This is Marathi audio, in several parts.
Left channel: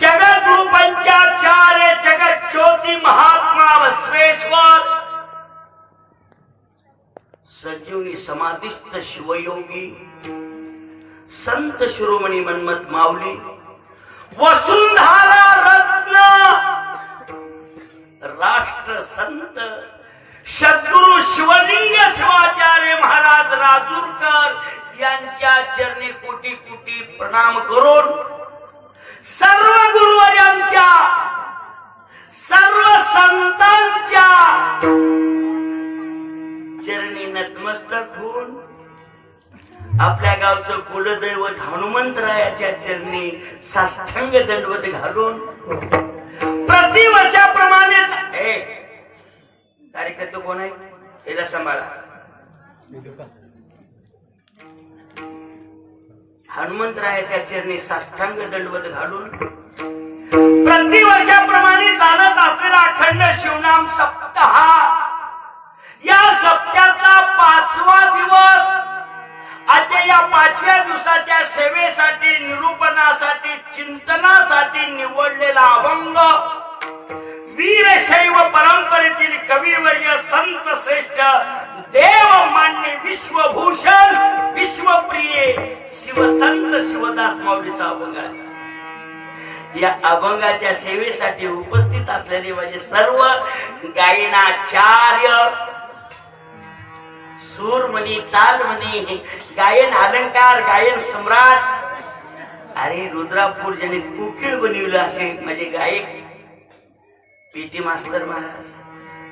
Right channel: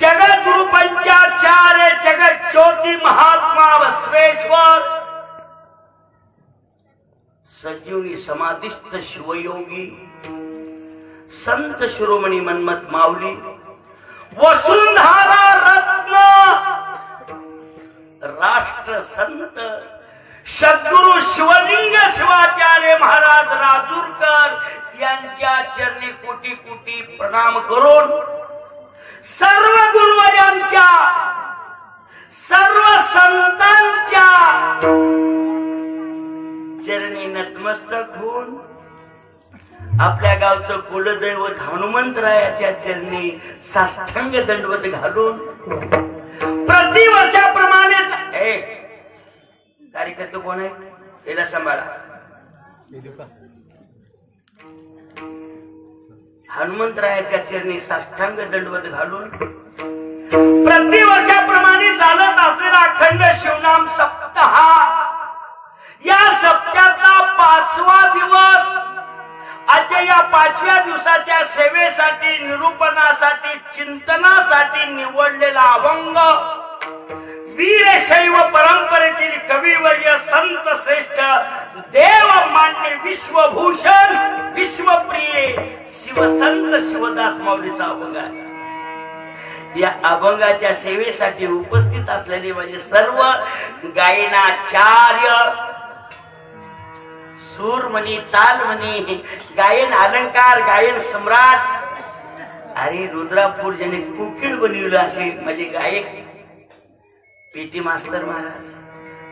जगद्गुरु पंचाचार्य जगत ज्योति महात्मा बसवेश्वर सजीवनी समाधिस्थ शिवयोगी संत शिरोमणी मन्मथ माऊली वसुंधरा रत्न राष्ट्र संत सद्गुरु शिवलिंग शिवाचार्य महाराज राजूरकर यांच्या चरणी कोटी कोटी प्रणाम करून सर्व गुरुवर्यांच्या सर्व संतांच्या चरणी नतमस्तक होऊन आपल्या गावचं कुलदैवत हनुमंतरायाच्या चरणी साष्टांग दंडवत घालून प्रतिवर्षाप्रमाणेच कार्यकर्ते कोण आहे याला सांभाळा हनुमंतरायाच्या चरणी साष्टांग दंडवत घालून प्रतिवर्षाप्रमाणे चालत असलेला अखंड शिवनाम सप्ताह या सप्त्यातला 5वा दिवस आजच्या या 5व्या दिवसाच्या सेवेसाठी निरूपणासाठी चिंतनासाठी निवडलेला अभंग वीरशैव परंपरेतील कविवर्य संत श्रेष्ठ देव मान्य विश्वभूषण विश्वप्रिय शिवसंत शिवदास माऊलीचा अभंग आहे। या अभंगाच्या सेवेसाठी उपस्थित असलेले म्हणजे सर्व गायनाचार्य सूरमणी तालमणी गायन अलंकार गायन सम्राट अरे रुद्रापूर ज्याने कुकीळ बनविलं असे म्हणजे गायक पीटी मास्तर महाराज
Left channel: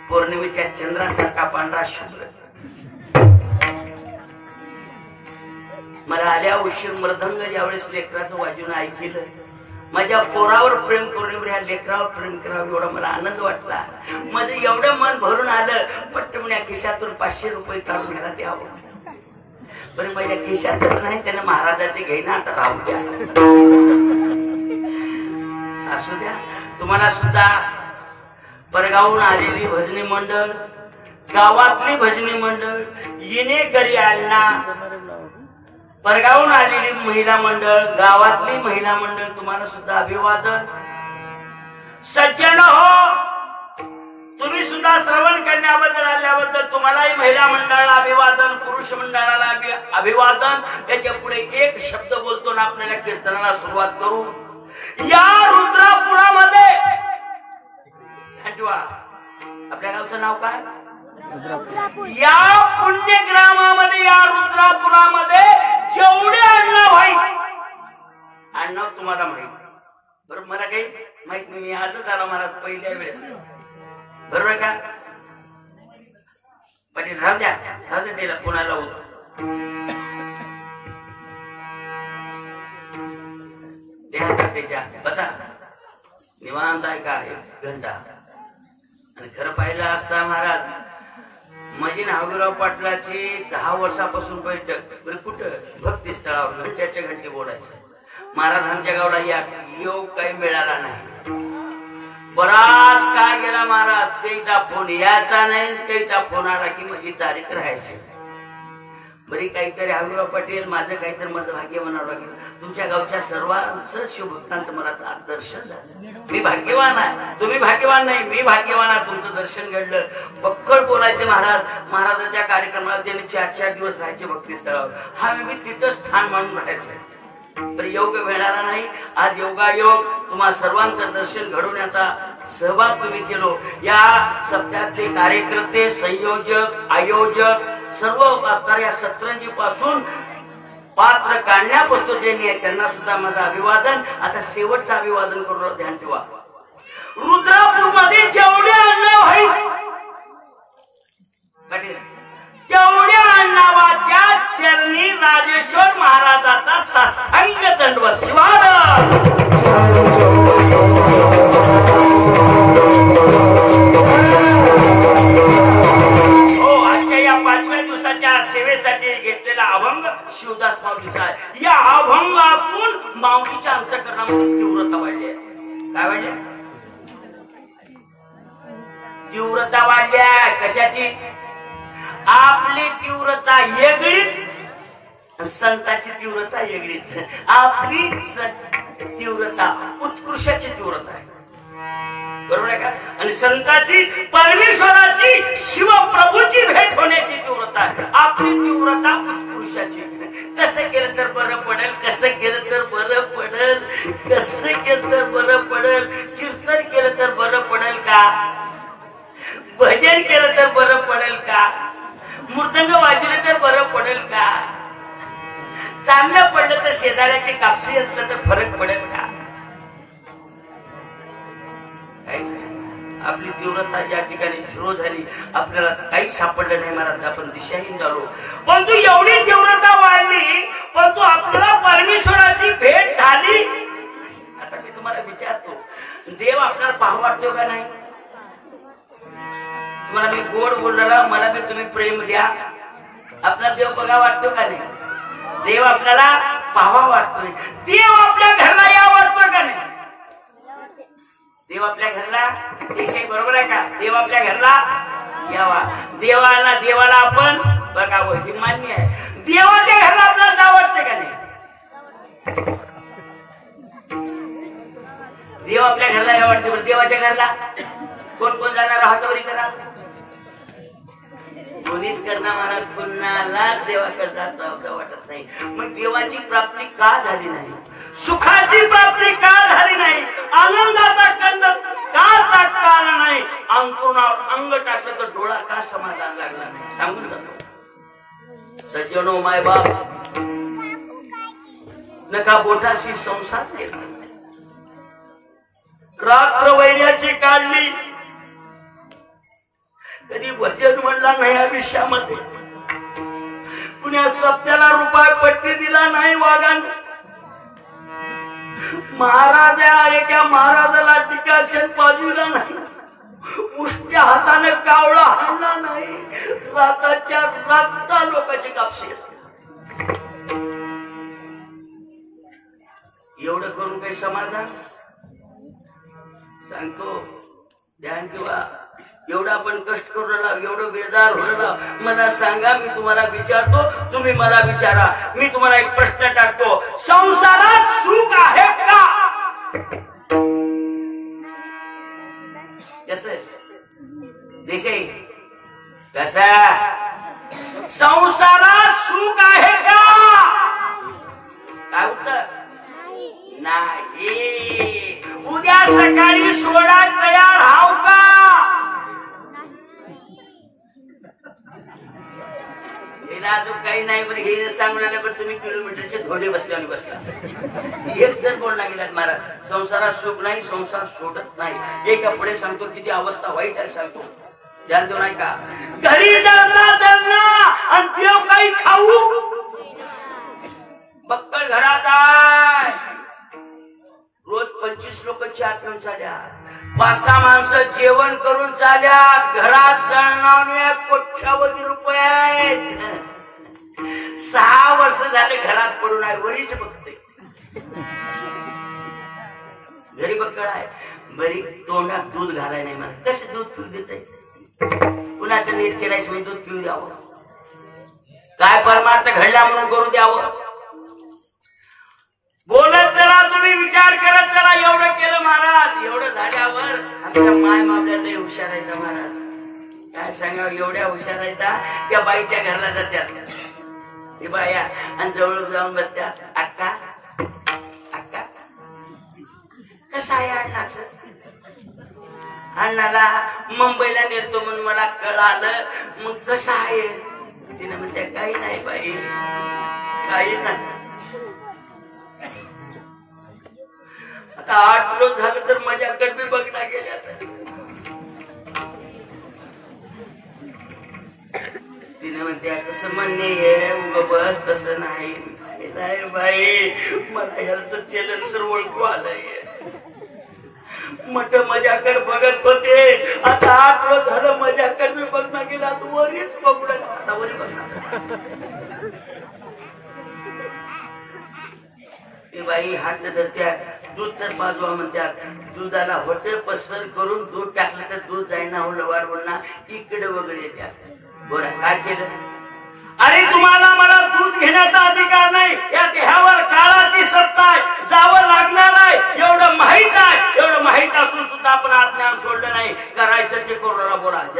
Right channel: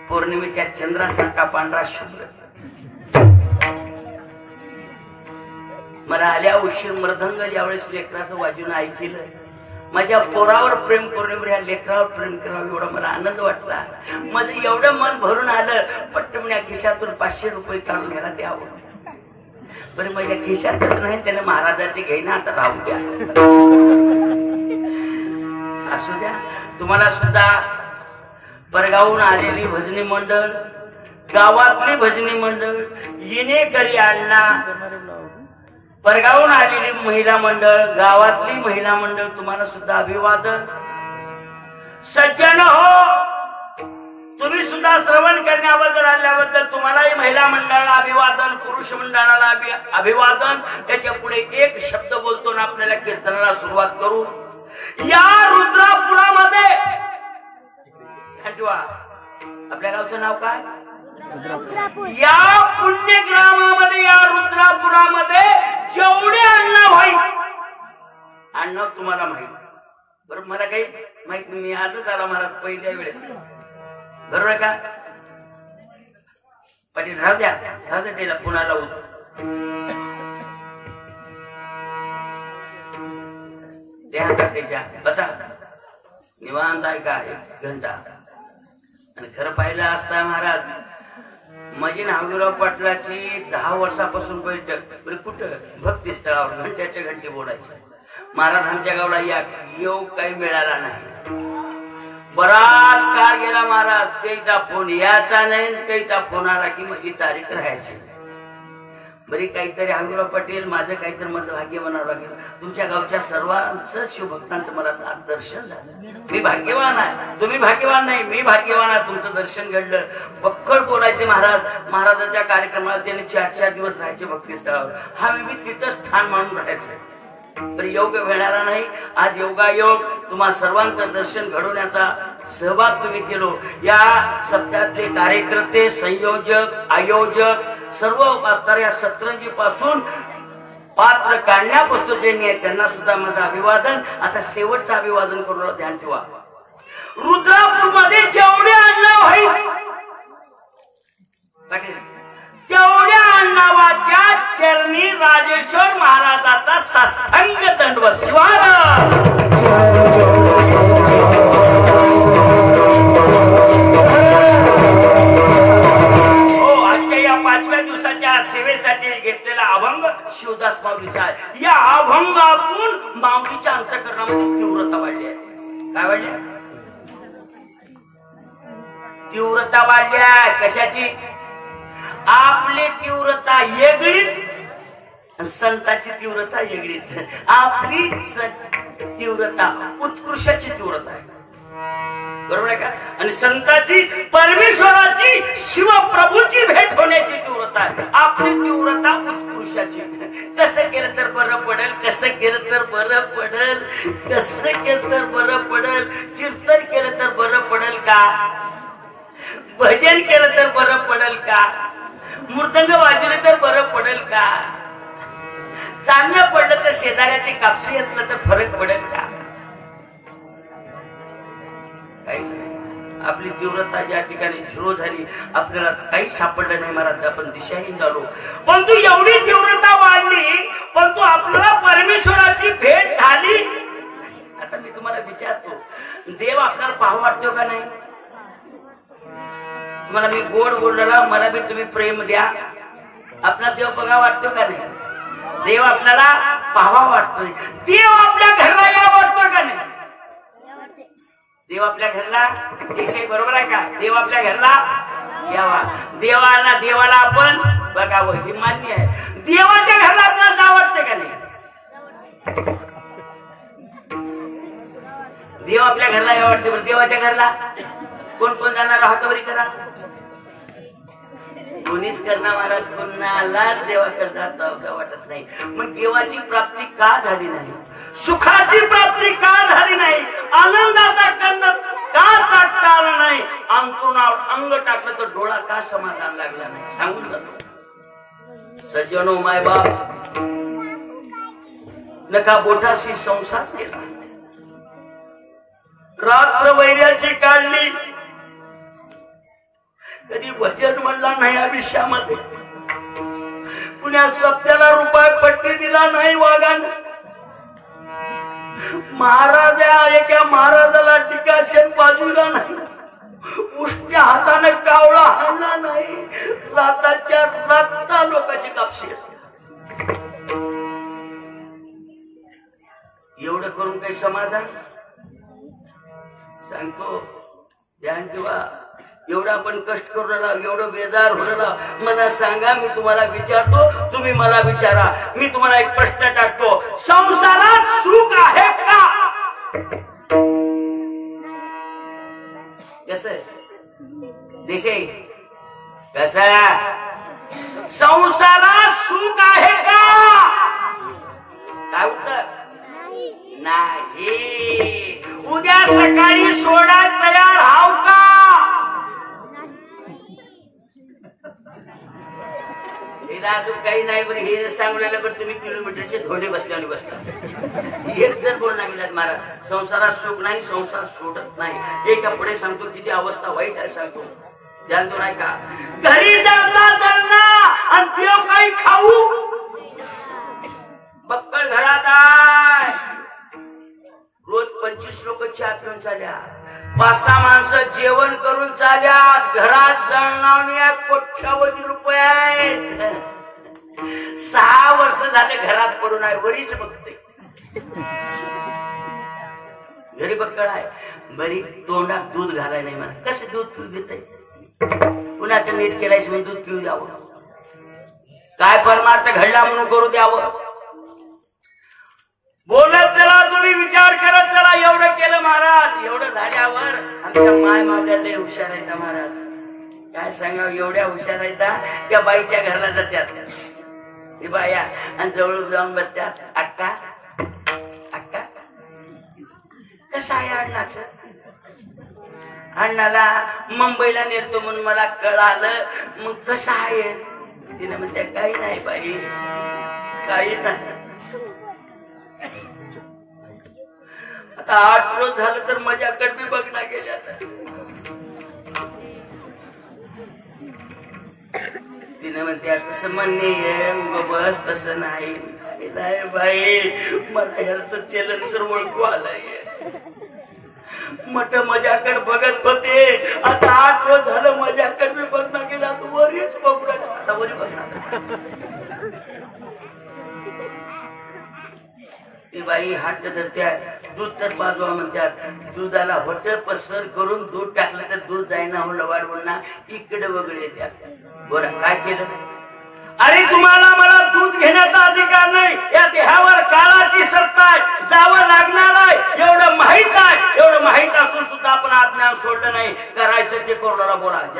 पौर्णिमेच्या चंद्रासारखा पांढरा शुभ्र मला आल्या उशीर मृदंग ज्यावेळेस लेकराचं वाजून ऐकलं माझ्या पोरावर प्रेम करून या लेकरावर प्रेम करावं एवढा मला आनंद वाटला माझं एवढं मन भरून आलं पट्टमण्या खिशातून 500 रुपये काढून घ्यायला द्यावं पण माझ्या खिशातच नाही त्याने महाराजाचे घेणं आता राहू द्या असू द्या तुम्हाला सुद्धा परगावून आलेली भजनी मंडळ गावातली भजनी मंडळ येणेकरी अण्णा परगावून आलेली महिला मंडळ गावातली महिला मंडळ तुम्हाला सुद्धा अभिवादन सज्जन हो तुम्ही सुद्धा श्रवण करण्याबद्दल आल्याबद्दल तुम्हालाही महिला मंडळाला अभिवादन पुरुष मंडळाला अभिवादन त्याच्या पुढे एक शब्द बोलतो ना आपल्याला कीर्तनाला सुरुवात करू या रुद्रापुरामध्ये आपल्या गावचं नाव काय या पुण्यग्रामामध्ये या रुद्रापुरामध्ये जेवढे अण्णा भाई अण्णा तुम्हाला माहित बरोबर मला काही माहित नाही मी आजच आला मला पहिल्या वेळेस बरोबर का पाटील राहू द्या त्याला पुण्याला होतो त्याच्या बसा निवांत आहे का 1 घंटा आणि खरं पाहिलं असता महाराज माझी नागुराव पाटलाची 10 वर्षापासून बैठक कुठं भक्ती स्थळावर घंट्याच्या घंटी बोलायचं महाराज आमच्या गावाला येऊ काही मिळाला नाही बराच काळ गेला महाराज त्याचा फोन यायचा नाही त्याचा फोन आला की माझी तारीख राहायची बरी काहीतरी हगुराव पाटील माझं काहीतरी मत भाग्य म्हणावं लागेल तुमच्या गावच्या सर्वांचं शिवभक्तांचं मला दर्शन झालं मी भाग्यवान आहे तुम्ही भाग्यवान नाही मी भाग्यवान आहे तुमचं दर्शन घडलं बक्कळ बोलायचे महाराजाच्या कार्यक्रमाला त्यांनी 4-4 दिवस राहायचे भक्ती स्थळावर हा मी तिथंच ठाण मानून राहायचं पण योग मिळणारा नाही आज योगायोग तुम्हा सर्वांचं दर्शन घडवण्याचा सहभाग तुम्ही केलो या सप्त्यातले कार्यकर्ते संयोजक आयोजक सर्व असणाऱ्या या सतरंजी पासून पात्र काढण्यापासून जे त्यांना सुद्धा माझं अभिवादन आता शेवटचं अभिवादन करून ध्यान ठेवा रुद्रापूर मध्ये जेवढे अण्णा भाई तेवढ्या अण्णावाच्या चरणी राजेश्वर महाराजाचा साष्टांग दंडवत स्वागत सेवेसाठी घेतलेला अभंग शिवदास माऊलीचा आहे या अभंगातून माऊलीच्या अंतःकरणामध्ये तीव्रता वाढली आहे काय वाढली तीव्रता वाढली आहे कशाची आपली तीव्रता वेगळीच संताची तीव्रता वेगळीच आपली तीव्रता उत्कृष्टाची तीव्रता आहे, बरोबर आहे का? आणि संतांची परमेश्वराची शिवप्रभूची भेट होण्याची तीव्रता आहे. आपली तीव्रता उत्कृष्टाची. कसं केलं तर बरं पडेल, कसं केलं तर बरं पडेल, कसं केलं तर बरं पडेल. कीर्तन केलं तर बरं पडेल का? भजन केलं तर बरं पडेल का? मृदंग वाजवलं तर बरं पडेल का? चांगलं पडलं तर शेजाऱ्याची कापसी असलं तर फरक पडेल का? आपली तीव्रता ज्या ठिकाणी सुरू झाली आपल्याला काही सापडलं नाही महाराज, आपण दिशाहीन झालो. परंतु एवढी तीव्रता वाढली, परंतु आपल्याला परमेश्वराची भेट झाली. आता मी तुम्हाला विचारतो, देव आपल्याला पाहू वाटतो का नाही? तुम्हाला मी गोड बोलला, मला बी तुम्ही प्रेम द्या, आपला देव बघा वाटतो का नाही? देव आपल्याला पाहावा वाटतोय. देव आपल्या घरला या वाटतो का नाही? देव आपल्या घरला देशाई, बरोबर आहे का? देव आपल्या घरला यावा. देवाला आपण बघावं ही मान्य आहे. देवाच्या घरला आपल्याला जावं वाटतंय का नाही? देव आपल्या घरला यावं वाटते, पण देवाच्या घरला कोण कोण जाणार? हातावरी करा. कोणीच करणार महाराज, कोणाला देवाकडे जाता वाटत नाही. मग देवाची प्राप्ती का झाली नाही? सुखाची प्राप्ती का झाली नाही? आनंदाचा कंद का चाकता आला नाही? अंतरुणावर अंग टाकलं तर डोळा का समाधान लागला नाही? सांगून जातो सज्जनो, माय बाप नका बोटाशी संसार केला, रात्र वैर्याची काढली, कधी वचन म्हणला नाही आयुष्यामध्ये, कुण्या सप्त्याला रुपये पट्टी दिला नाही वागान. एका महाराजाला टीकाशेन पाजविला नाही, उष्ट्या हाताने कावळा हाणला नाही, राताच्या राता लोकांची कापशी असते. एवढं करून काही समाधान? सांगतो ध्यान ठेवा. एवढा आपण कष्ट करू राहिला, एवढं बेजार होऊ राहिला, मला सांगा, मी तुम्हाला विचारतो, तुम्ही मला विचारा. मी तुम्हाला एक प्रश्न टाकतो, संसारात सुख आहे का? कसं देशाई, कसं संसारात सुख आहे का? काय उत्तर? नाही. उद्या सकाळी सोडा तयार हाव का? अजून काही नाही, पण हे सांगून पण तुम्ही किलोमीटरचे थोडे बसल्याने बसला. एक जर बोलला गेलात महाराज, संसारात सुख नाही, संसार सोडत नाही. याच्या पुढे सांगतो किती अवस्था वाईट आहे, सांगतो ध्यान देऊ नाही का? घरी जळना आणि देव काही खाऊ बक्कळ घरात आहे. रोज 25 लोक चहा पिऊन चाल्या, 5-6 माणसं जेवण करून चाल्या, घरात जळणाऱ्या कोट्यावधी रुपये आहेत. 6 वर्ष झाले घरात पडून आहे, वरीच बघते. घरी बक्कळ आहे, बरी तोंडात दूध घालाय नाही मला. कसं दूध पिऊ देत? पुण्याचं नीट केल्यास मी दूध पिऊ द्यावं, काय परमार्थ घडला म्हणून करू द्यावं. बोलत चला, तुम्ही विचार करत चला. एवढं केलं महाराज, एवढं झाल्यावर आमच्या माय मावल्या लय हुशार आहेत महाराज. काय सांगावं, एवढ्या हुशार आहेत त्या बाईच्या घरला जात्यात. हे बाया आणि जवळ जाऊन बसत्यात. अक्का अक्का कसं आहे अण्णाचं? अण्णाला मुंबईला नेतो म्हणून मला कळालं. मग कसं आहे? तिने म्हणते काही नाही बाई, काही नाही. आता 8 रोज झालं तर माझ्याकडे मी बघणार गेले. आता तिने म्हणते कसं म्हणणे बस तसं नाही बाई, मला ह्याचं चलन तर ओळखू आलंय. मट माझ्याकडे बघत होते, आता 8 रोज झालं माझ्याकडे मी बघणार गेला. आता वरीच बघणार, आता वरी बघणार. ती बाई हात धरत्या, दूध तर बाजवा म्हणतात. दुधाला होते पसर करून दूध टाकलं तर दूध जाईना वाढ बोलणार, इकडे वगैरे येत्या. बोला काय केलं? अरे तुम्हाला मला दूध घेण्याचा अधिकार नाही, या देहावर काळाची सत्ता आहे, जावं लागणार आहे. एवढं माहित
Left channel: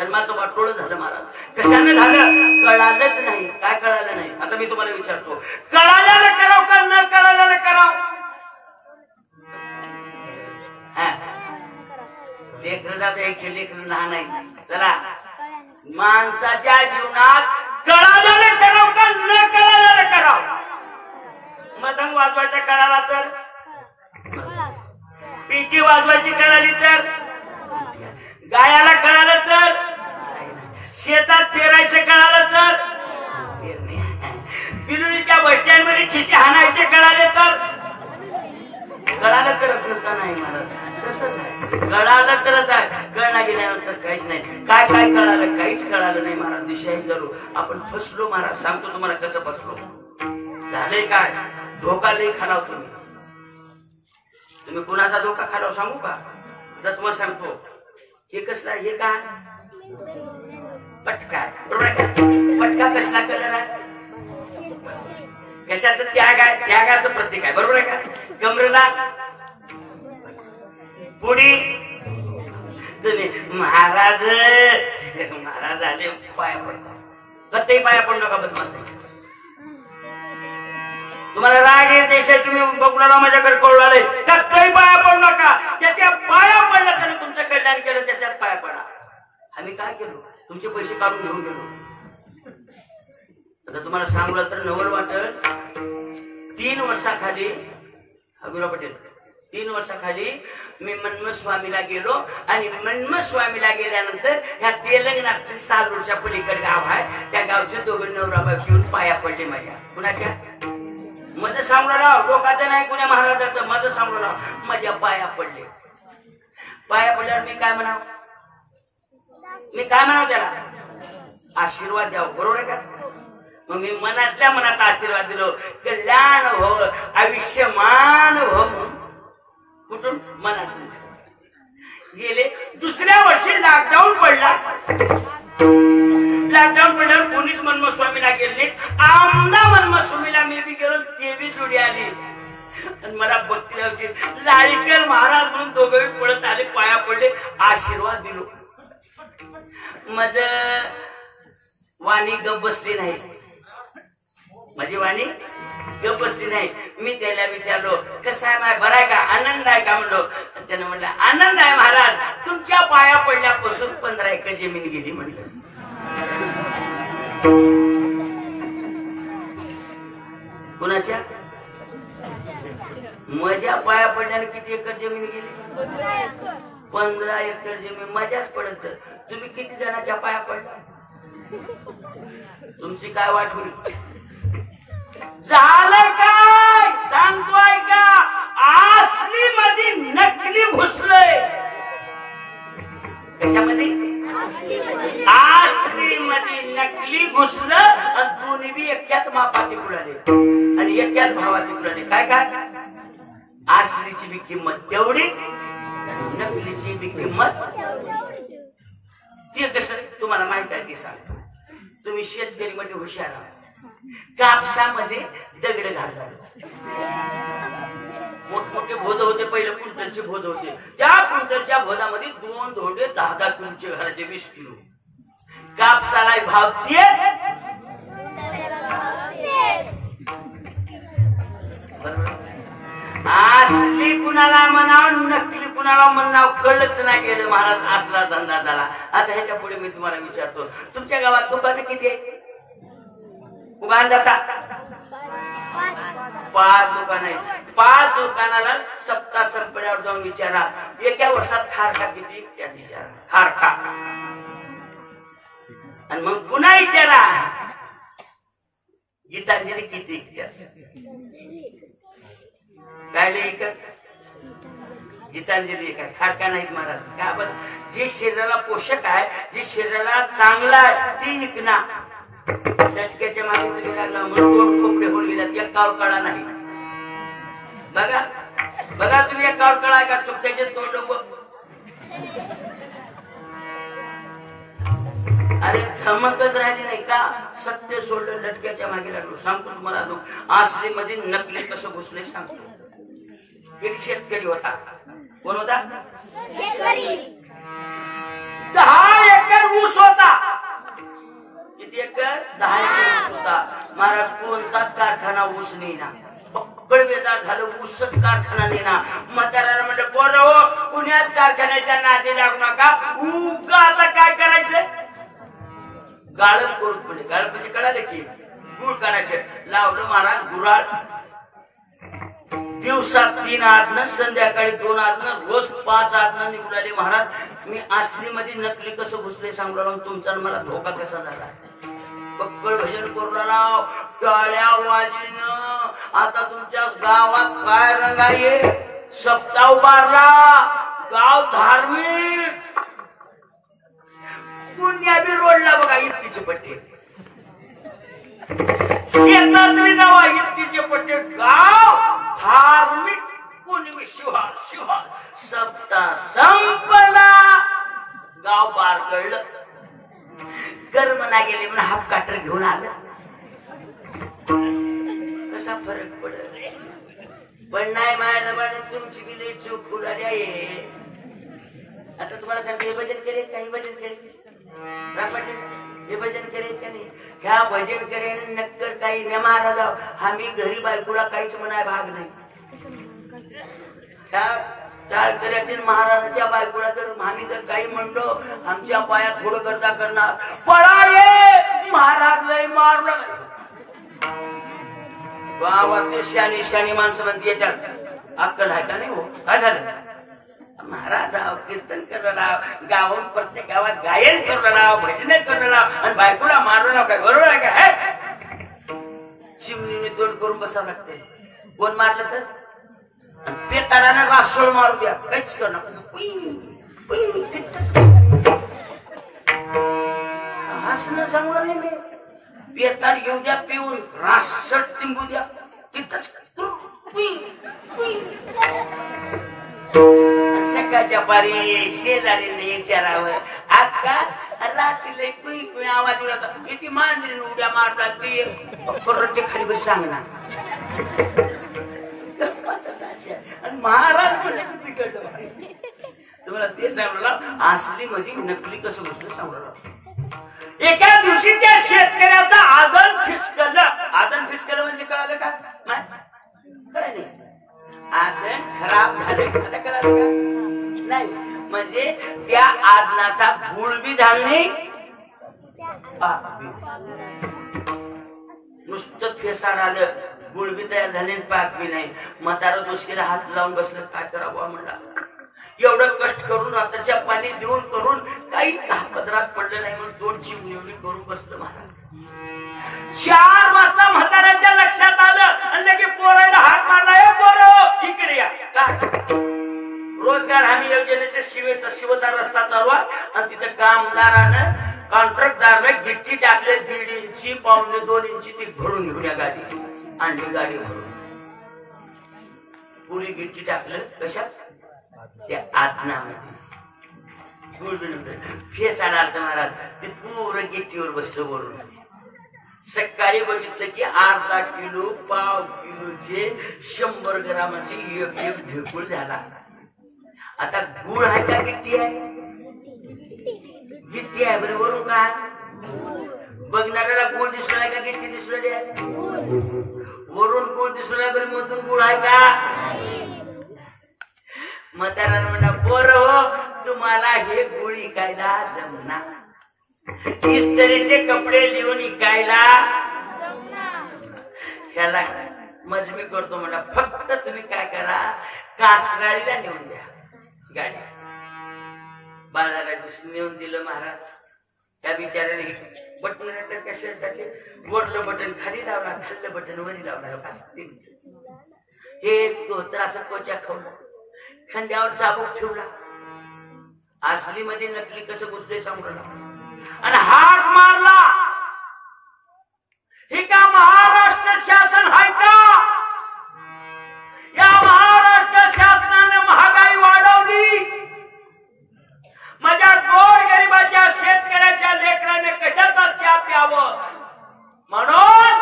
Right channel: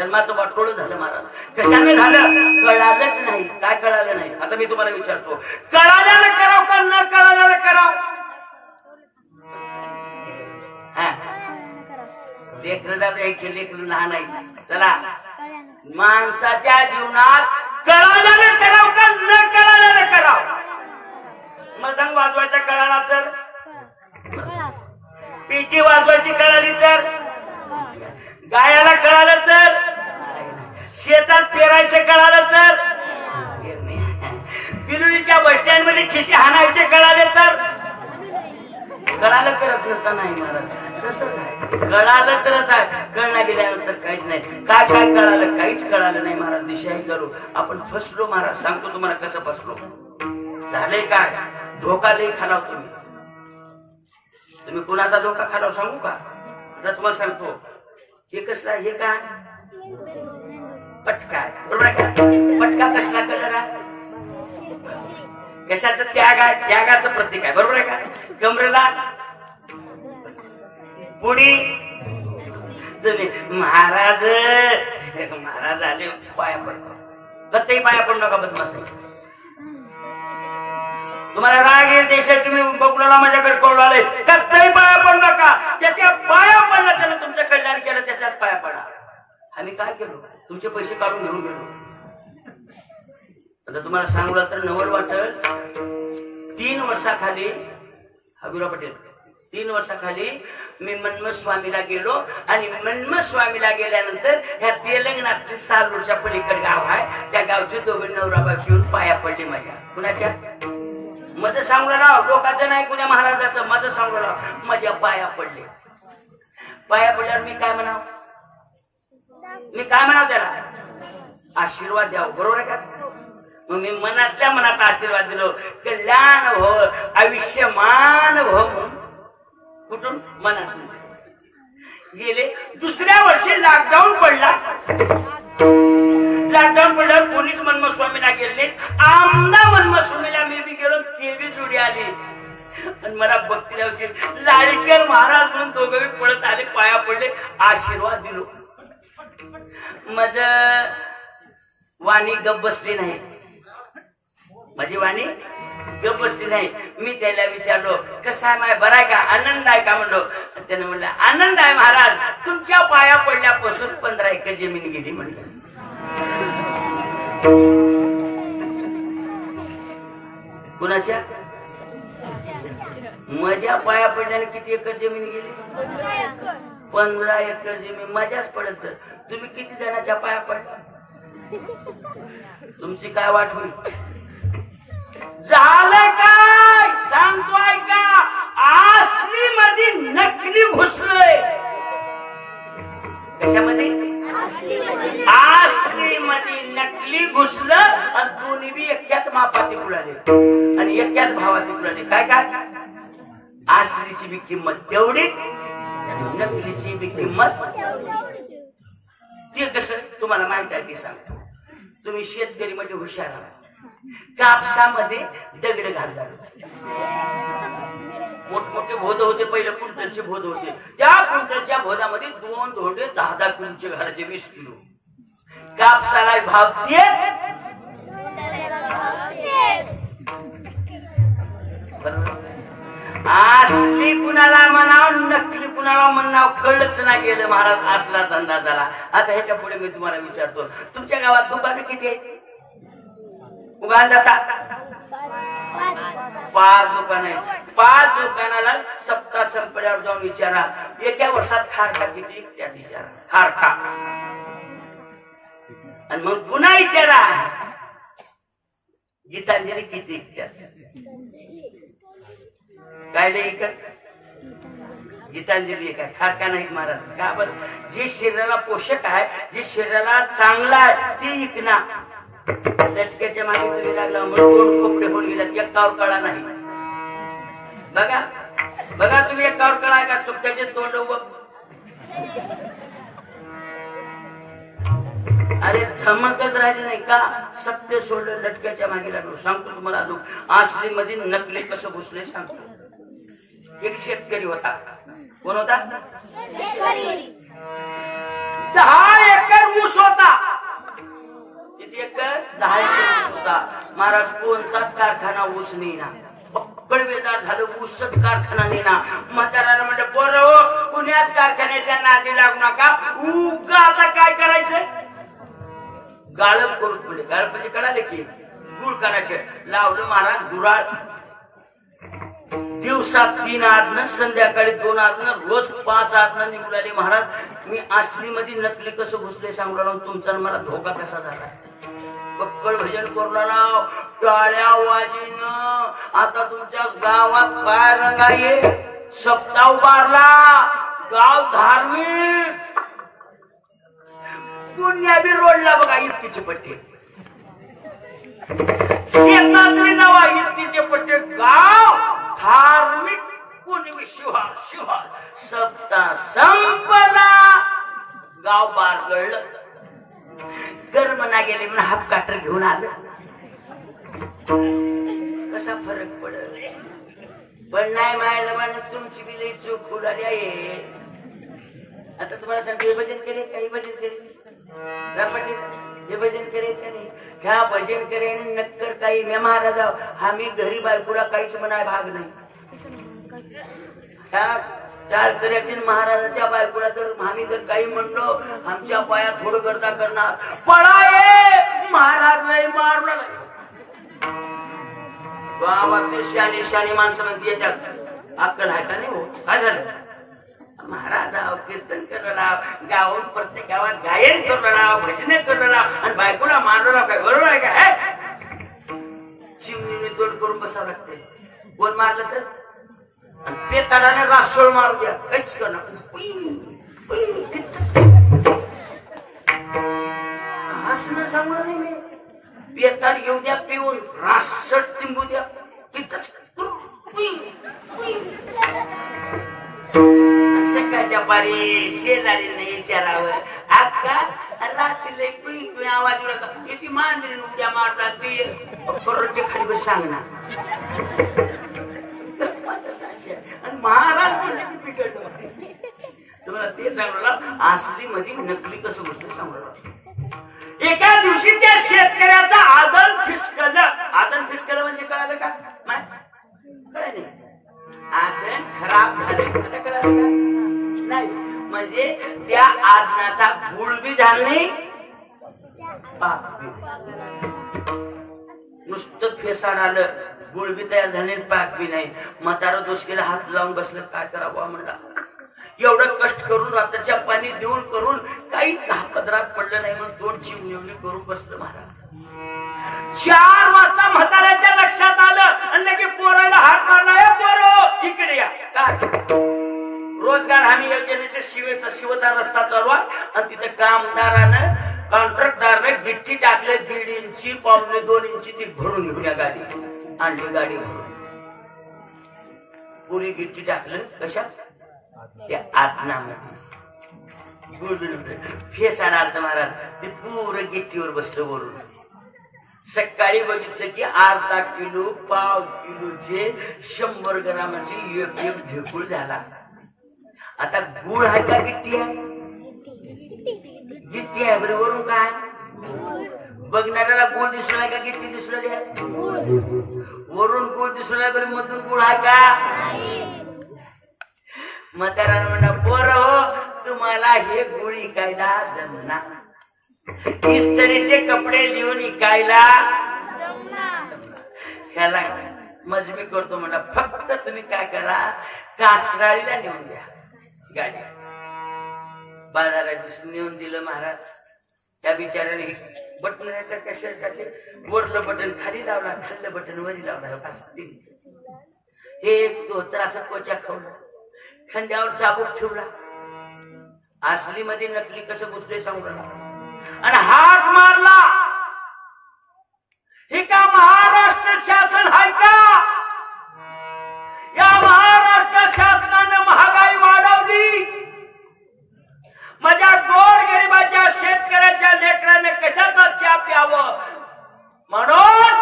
जन्माचं वाटोळं झालं महाराज. कशाने झालं कळालंच नाही. काय कळालं नाही? आता मी तुम्हाला विचारतो, कळाल्याला कराव का न कळाल्याला कराव? लेकर जात एक लेकर लहान आहे. चला माणसाच्या जीवनात कळाल्याला कराव का न कळाल्याला कराव? मदंग वाजवायचा कळाला तर, पिठी वाजवायची कळाली तर, गायाला कळालं तर, शेतात पेरायचं कळालं तर, बिरुलीच्या बस स्टँड मध्ये खिशी हाणायचे कळाले तर, कळालं करत नसता नाही महाराज. तसंच आहे, कळालं तरच आहे, कळला गेल्यानंतर काहीच नाही. काय काय कळालं? काहीच कळालं नाही महाराज. दिशाही करू आपण फसलो महाराज. सांगतो तुम्हाला कसं फसलो. झाले काय? धोका लई खालाव तुम्ही. तुम्ही कुणाचा धोका खालाव सांगू का? तर तुम्हाला सांगतो, हे कसला, हे काय पटका, बरोबर आहे का? पटका कसला कलर आहे? कशाचं त्याग आहे? त्यागाचं प्रतीक आहे, बरोबर आहे का? कमरेला पुढी तुम्ही महाराज महाराज आले पाया पडतात. कधी पाया पडू नका बदमाशाच्या. तुम्हाला राग येत देशात तुम्ही बघला माझ्याकडे पळू आले, कधी पाया पडू नका. त्याच्या पाया पडला त्याने तुमचं कल्याण केलं, त्याच्यात पाया पडा. आम्ही काय केलो? तुमचे पैसे काढून घेऊन गेलो. आता तुम्हाला सांगलं तर नवल वाटल. 3 वर्षाखाली हबीबराव पटेल 3 वर्षाखाली मी मन्मथ स्वामीला गेलो. आणि मन्मथ स्वामीला गेल्यानंतर ह्या तेलंगणातली सालूरच्या पलीकडे गाव आहे, त्या गावचे दोघे नवरा बायको येऊन पाया पडले माझ्या. कुणाच्या? माझं सांगू राव, लोकांचं नाही, कुण्या महाराजाचं. माझं सांगू राव, माझ्या पाया पडले. पाया पडल्यावर मी काय म्हणाव? मी काय म्हणाव त्याला? आशीर्वाद द्यावं, बरोबर आहे का? मग मी मनातल्या मनात आशीर्वाद दिलो, कल्याण हो, आयुष्यमान हो. कुठून? मनात गेले. दुसऱ्या वर्षी लॉकडाऊन पडला. लॉकडाऊन पडल्यावर कोणीच मन्मथ स्वामीला गेले. आमदा मन्मथ स्वामीला मी बी गेलो, ते बी जोडी आली. आणि मला भक्ती लावशी लाळीकर महाराज म्हणून दोघे पडत आले, पाया पडले, आशीर्वाद दिलो. माझ वाणी गप बसली नाही. माझी वाणी गप बसली नाही. मी त्याला विचारलो, कसा आहे माय, बरं आहे का, आनंद आहे का म्हणलो. त्यानं म्हणलं आनंद आहे महाराज, तुमच्या पाया पडल्यापासून 15 एकर जमीन गेली म्हणलं. कुणाच्या? माझ्या पाया पडल्याने किती एकर जमीन गेली? 15 एकर जमीन माझ्याच पडत. तुम्ही किती जणांच्या पाया पडला? तुमची काय वाट होईल? झालं काय सांगतो ऐका. असली मध्ये नकली घुसलंय. कशामध्ये? असली मध्ये नकली घुसलं. आणि दोन्ही बी एक्याच मापाती कुळाले आणि एक्याच भावाती कुळाले. काय काय? असलीची बी किंमत तेवढी, नकलीची बी किंमत. ते कसं तुम्हाला माहित आहे ते सांगतो. तुम्ही शेतकरी मध्ये हुशार आहात. कापसामध्ये दगड घालतात. मोठमोठे भोद होते, पहिले क्विंटलचे भोद होते. त्या क्विंटलच्या भोदामध्ये 2 धोंडे 10-10 किलोचे घालायचे, 20 किलो. कापसाला भाव तेच, असली कुणाला म्हणाव, नकली कुणाला म्हणाव, कळच नाही गेलं महाराज. असला धंदा झाला. आता ह्याच्या पुढे मी तुम्हाला विचारतो, तुमच्या गावात दुकानं किती आहेत? उभार जातात 5 दुकान आहेत. 5 दुकानाला सप्ताह संपल्यावर जाऊन विचारा, एका वर्षात खारका किती? त्यात विचारा खारका. आणि मग पुन्हा विचारा गीतांजली किती? काय लेखक? गीतांजली काय खारका नाही महाराज. का बरं? जे शरीराला पोषक आहे, जे शरीराला चांगला आहे, ते विकना. लटक्याच्या मागे तुम्ही लागला म्हणून 2 खोपडे होऊन गेल्यात, एकावर कळा नाही. बघा बघा तुम्ही एकावर कळा का? चुकत्याचे तोंड अरे धमकच राहिली नाही का? सत्य सोडलं, लटक्याच्या मागे लागलो. सांगतो तुम्हाला असली मध्ये नकली कसं घुसले सांगतो. एक शेतकरी होता. कोण होता? 10 एकर ऊस होता. किती एकर? 10 एकर ऊस होता. महाराज कोणताच कारखाना ऊस नाही ना, बेदार झालं, ऊसच कारखाना नाही ना. म्हातारानं म्हणलं पोरं कुण्याच कारखान्याच्या नादी लागू नका. उगा आता काय करायचं? गाळप करू म्हणजे गाळपाचे कळाले की गुळ करायचे. लावलं महाराज गुराळ. दिवसात 3 आदन, संध्याकाळी 2 आदन, रोज 5 आदन निघाले. महाराज मी असली मध्ये नकली कसं घुसले सांगणार तुमचा मला धोका कसा झाला. बक्कळ भजन करू लाव, टाळ्या वाजणं. आता तुमच्या गावात काय रंग आहे? सप्ताह उभारला, गाव धार्मिक. पुण्या बी रोडला बघा इतकीचे पट्टे, शेतात बी जावा इतकीचे पट्टे. गाव धार्मिक. पुण्य शिवार शिवार. सप्ताह संपला, गाव बारगळलं. कर्मना गेले म्हणून हाफ काटर घेऊन आलं. कसा फरक पडल? पण नाही मायला म्हणत तुमची बी लई चूक फुलारी आहे. आता तुम्हाला सांगते हे भजन करेल काही भजन करेल हे भजन करेल का नाही? ह्या भजन करेन नक्कर काही ने महाराज आम्ही घरी बायकोला काहीच म्हणाय भाग नाही. ह्या टाळकऱ्याचे महाराजाच्या बायकोला तर आम्ही जर काही म्हणलो आमच्या पायात थोडं करता करणार. पळाये महाराज नाही मारला नाही. गावातले शानी शानी माणसं म्हणते येतात. अक्कल आहे का नाही? हो काय झालं? महाराज कीर्तन करला, गावात प्रत्येक गावात गायन करला, भजन करला आणि बायकोला मारला काय बरोबर आहे का? चिमणीने तोंड करून बसावं लागते. कोण मारलं तर पेताडाने रासोळ मारू द्या, काहीच करणार. हसणं सांगणार नाही मी. पेताड येऊ द्या पिऊन, रासट तिंबू द्या, तिथंच सकाळच्या पारी शेजारीने विचारावं अक्का रात्रीला कुई कुई आवाज उडवता किती मांजरीने उड्या मारला ते खाली बस सांगणार. आणि महाराज म्हणले की बिघडलं. तुम्हाला ते सांगलं असली मध्ये नकली कसं घुसलं सांगलं. एका दिवशी त्या शेतकऱ्याचा आदन फिसकलं. आदन फिसकलं म्हणजे कळालं का? कळालं नाही. आदन खराब झालं कळालं का? नाही. म्हणजे त्या आदनाचा गुळ बी झाला नाही, नुसतं फेसाड आलं, गुळ बी तयार झाले, पाक बी नाही. म्हातारा दोषीला हात लावून बसलं. काय करावं म्हणला. एवढं कष्ट करून रात्रीच्या पाणी देऊन करून काही पदरात पडलं नाही म्हणून 2 चिमणी करून बसलं. महाराज 4 वाजता म्हाताऱ्याच्या लक्षात आलं आणि की पोराला हात मारला. पोरो इकडे या. रोजगार हमी योजनेच्या शिवचा रस्ता चालू आहे आणि तिथं कामदारानं कॉन्ट्रॅक्टदारने गिट्टी टाकले 1.5 इंची 1.25 इंची ती भरून घेऊन या गाडी आणली. गाडी भरून पुरी गिट्टी टाकलं. कशात? त्या आत्मामध्ये फेस आणाल तर महाराज ते पूर्ण गिट्टीवर बसलं बोलून. सकाळी बघितलं की अर्धा किलो 1/2 किलोचे 100 ग्रामाची एक ढेकूळ झाला. आता गुळ आहे का गिट्टी आहे? गिट्टी आहे. बरं वरून काय बघणाऱ्याला गुळ दिसू नाही का? गिट्टी दिसू राहिली आहे. वरून गुळ दिसू नाही, बरं मधून गुळ आहे का? म्हातारा म्हणा पोर हो तुम्हाला हे गुळ इकायला जमणार. इस्त्रीचे कपडे लिहून इकायला ह्याला मजमी करतो म्हणा. फक्त तुम्ही काय करा कासराळीला नेऊन द्या गाडी. बाजारात नेऊन दिलं महाराज. त्या बिचाऱ्याने बटन त्या शर्टाचे वरलं बटन खाली लावला, खाल्लं बटन वरी लावला. हे असं कोच्या खावला, खंड्यावर चाबूक ठेवला. असली मध्ये नकली कसं घुसले सांगला आणि हाक मारला. हे का महाराष्ट्र शासन आहे का? या महाराष्ट्र शासनाने महागाई वाढवली. माझ्या गोर गरिबाच्या शेतकऱ्याच्या लेकराने कशाचा चहा प्यावं म्हणून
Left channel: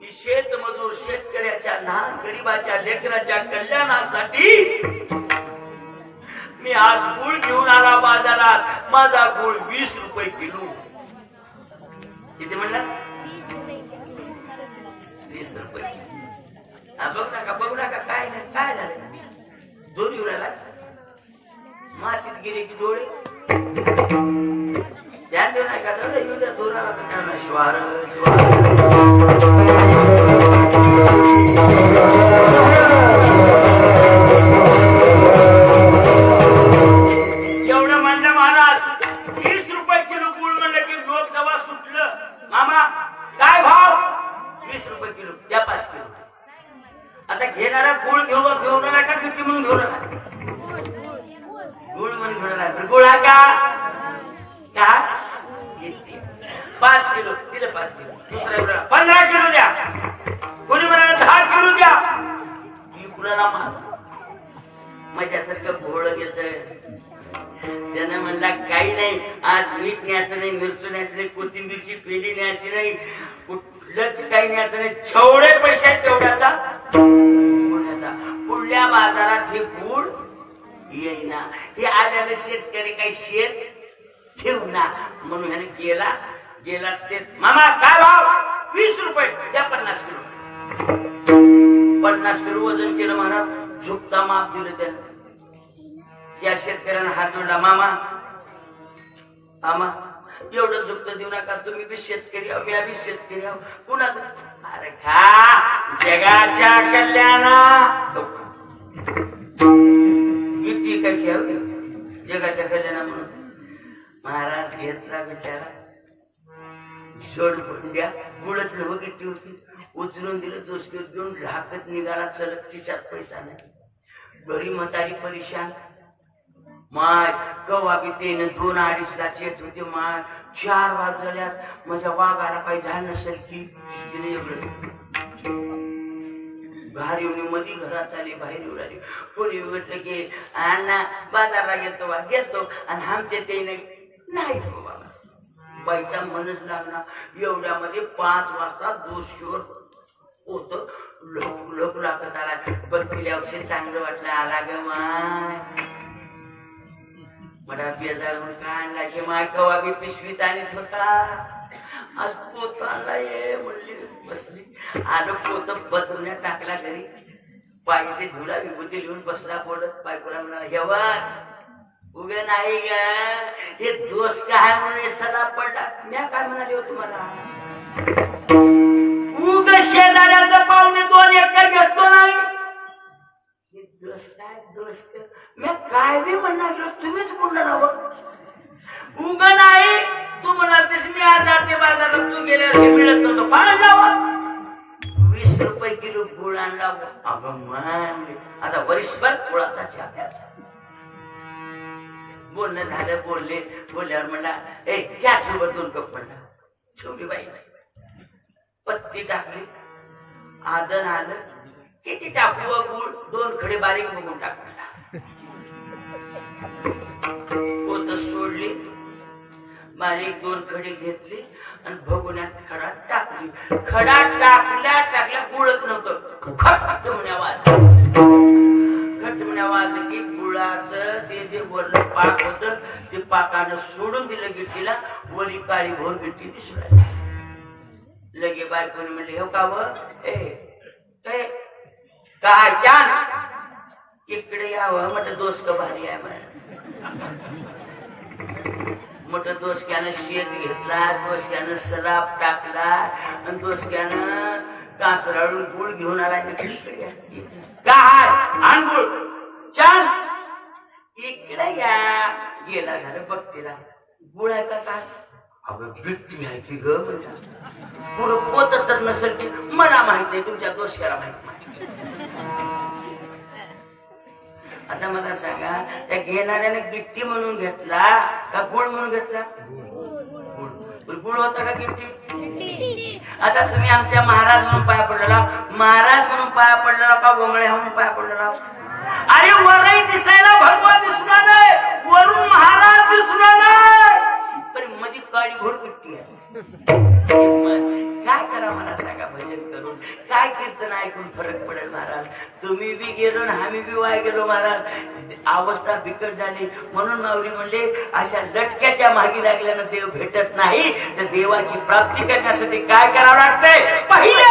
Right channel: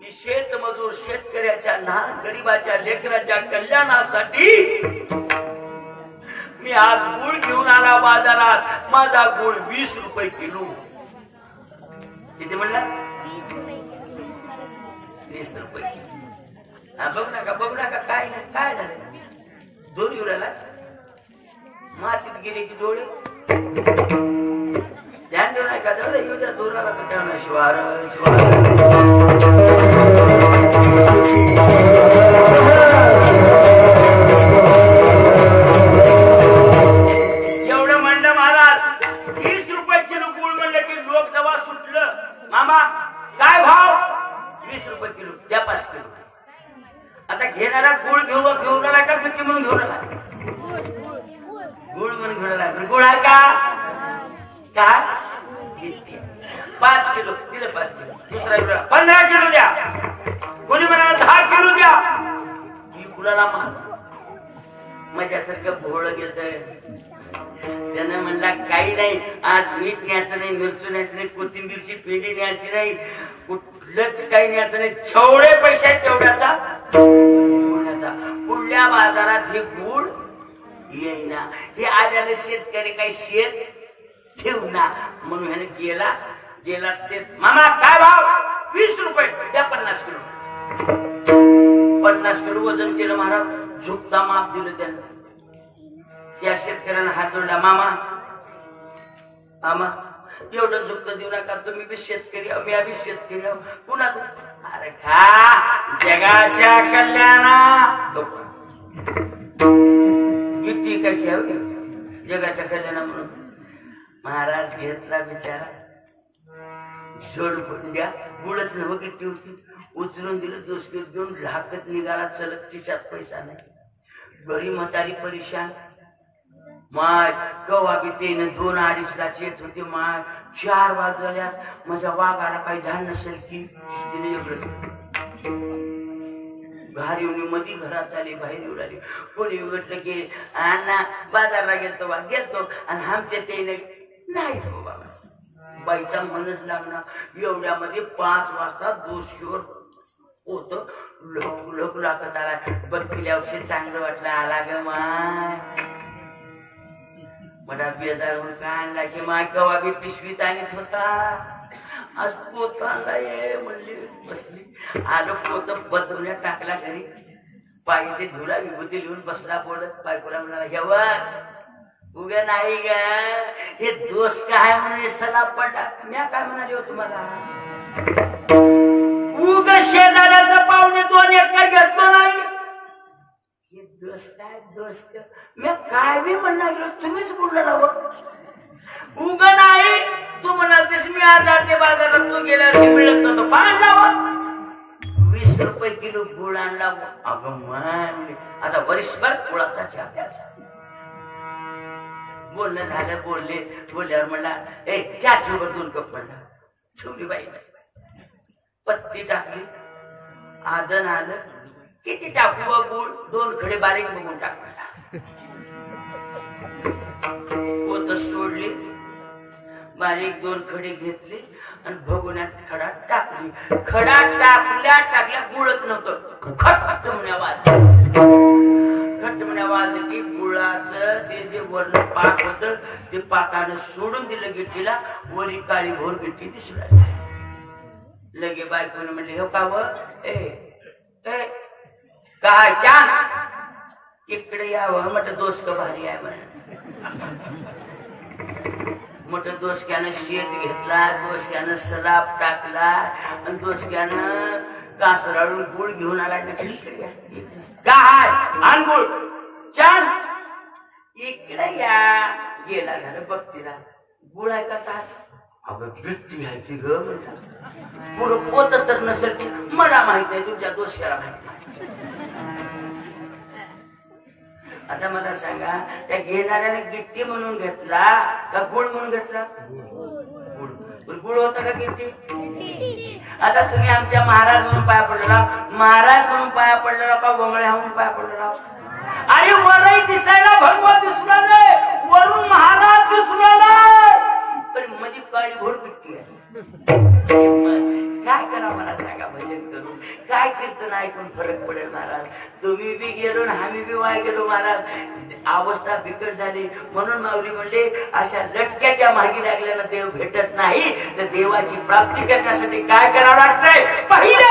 मी शेतमजूर शेतकऱ्याच्या लहान गरिबाच्या लेकराच्या कल्याणासाठी मी आज गुळ घेऊन आला. बाजारात माझा गुळ 20 रुपये किलो. किती म्हणला? 20 रुपये किलो. बघू नका काय नाही, काय झालं? दोन येऊ लागला, मातीत गेले की डोळे ध्यान देऊ नका. येऊ द्या दोराला तर श्वार एवढं म्हणलं महाराज. 20 रुपये किलो गुळ म्हणलं की लोक दवा सुटलं. मामा काय भाव? 20 रुपये किलो द्या 5 किलो. आता घेणारा गुळ घेऊन आला का गिट्टी म्हणून घेऊन आला? गुळ म्हणून घेऊन आला. गुळ हा का गिट्टी. 5 किलो दिलं. 5 किलो. दुसरा 15 किलो द्या. कोणी म्हणाला 10 किलो द्या. ही कुणाला माझ्यासारखं भोळ घेत. त्यानं म्हणला काही नाही, आज मीठ न्यायचं नाही, मिरची न्यायचं नाही, कोथिंबीरची पेंडी न्यायची नाही, कुठलंच काही न्यायचं नाही. जेवढे पैसे तेवढ्याचा पुढल्या बाजारात हे गुळ येईना. हे आलेलं शेतकरी काही शेत ठेवना म्हणून ह्याने गेला ते. मामा काय भाव? 20 रुपये द्या. 50 किलो. 50 किलो वजन केलं महाराज. झुकता माप दिलं त्यानं. या शेतकऱ्यानं हात जोडला. मामा एवढं झुकतं देऊ नका. तुम्ही बी शेतकरी, मी बी शेतकरी. कुणाचं? अरे खा जगाच्या कल्याणा. किती काय जगाच्या कल्याणा म्हणून महाराज घेतला बिचारा. जोड द्या. गुळच नव गिट्टी होती. उचलून दिलं. दोष घेऊन झाकत निघाला. चलत खिशात पैसा नाही. घरी म्हातारी परेशान. माय कवा बी तेन 2-2.5 लाख येत होते. माय 4 वाजल्यात माझ्या वाघाला काही झालं नसेल की घरी येऊन मध्ये घरात आली. बाहेर येऊ लागली. कोणी म्हटलं की अण्णा बाजारला गेलतो आणि आमचे ते नाही बाबा. बाईचा मनच लागणार. एवढ्यामध्ये 5 वाजता दोषीवर होत. लोक लागत आला. बघ पिल्यावर चांगलं वाटलं. आला ग माय. मला बेजार म्हणून काय आणला की माय कवा बी पिशवीत आणत होता. आज पोत आणला ये म्हणली. बसली. आलो पोत बदलण्यात टाकला घरी. पायी ते धुला विभूती लिहून बसला बोलत. बायकोला म्हणाला हेवा उगा नाही ग हे दोष काय म्हणून सला पडला. म्या काय म्हणाले हो तुम्हाला? उगा शेजाऱ्याचं पाहुणे 2 एकर घेतलो नाही. हे दोष काय दोष मी काय बी म्हणणार गेलो. तुम्हीच बोलणार आहोत. उगा नाही तू म्हणाल तशी मी आज जाते बाजारात. तू गेल्यावर मिळत नव्हतं. आणला 20 रुपये किलो गुळ आणला. अगं म्हणले आता वर्षभर गुळाचा चहा प्यायचा. बोलणं झालं. बोलल्यावर म्हणला ए चहा ठेवर 2 कप म्हणला. छोटी बाई पत्ती टाकली. आदन आलं. किती टाकू गुळ? 2 खडे बारीक बघून टाकला. पोत सोडली. बारीक 2 खडे घेतली आणि भगुण्यात खडा टाकली. खडा टाकल्या गुळच नव्हतं. खटमण्या वाजलं की गुळाचं ते जे वरलं पाक होत ते पाकानं सोडून दिलं गिट्टीला. वरी काळी घोर गिट्टी दिसू लागली. लगे बायकोने म्हणले हो का व काय छान इकडे यावं. म्हटलं दोस्त भारी आहे म्हण. मोठं दोसक्यानं शेत घेतला. दोसक्यानं सलाप टाकला आणि दोसक्यानं कासराळून गुळ घेऊन आला. काय आण गुळ छान इकडे या. गेला झालं बघतीला. गुळ आहे का काय? अगं गिट्टी आहे की ग. पुरं पोत तर नसेल की मला माहित नाही. तुमच्या दोसक्याला माहित नाही. आता मला सांगा त्या घेणाऱ्याने गिट्टी म्हणून घेतला का गुळ म्हणून घेतला? गुळ होता का गिट्टी? आता तुम्ही आमच्या महाराज म्हणून पाया पडलेला. महाराज म्हणून पाया पडलेला का गोंगळ्या म्हणून पाया पडलेला? अरे वरही दिसायला भगवा दिसला नाही. वरून महाराज दिसला नाही. पण मध्ये काळी घोर गिट्टी आहे. काय करा मला सांगा भजन करून? काय कीर्तन ऐकून फरक पडेल महाराज. तुम्ही बी गेलो ना आम्ही बी वाय गेलो महाराज. अवस्था बिकट झाली म्हणून माऊली म्हणले अशा लटक्याच्या मागे लागल्यानं देव भेटत नाही. तर देवाची प्राप्ती करण्यासाठी काय करावं लागतंय? पहिल्या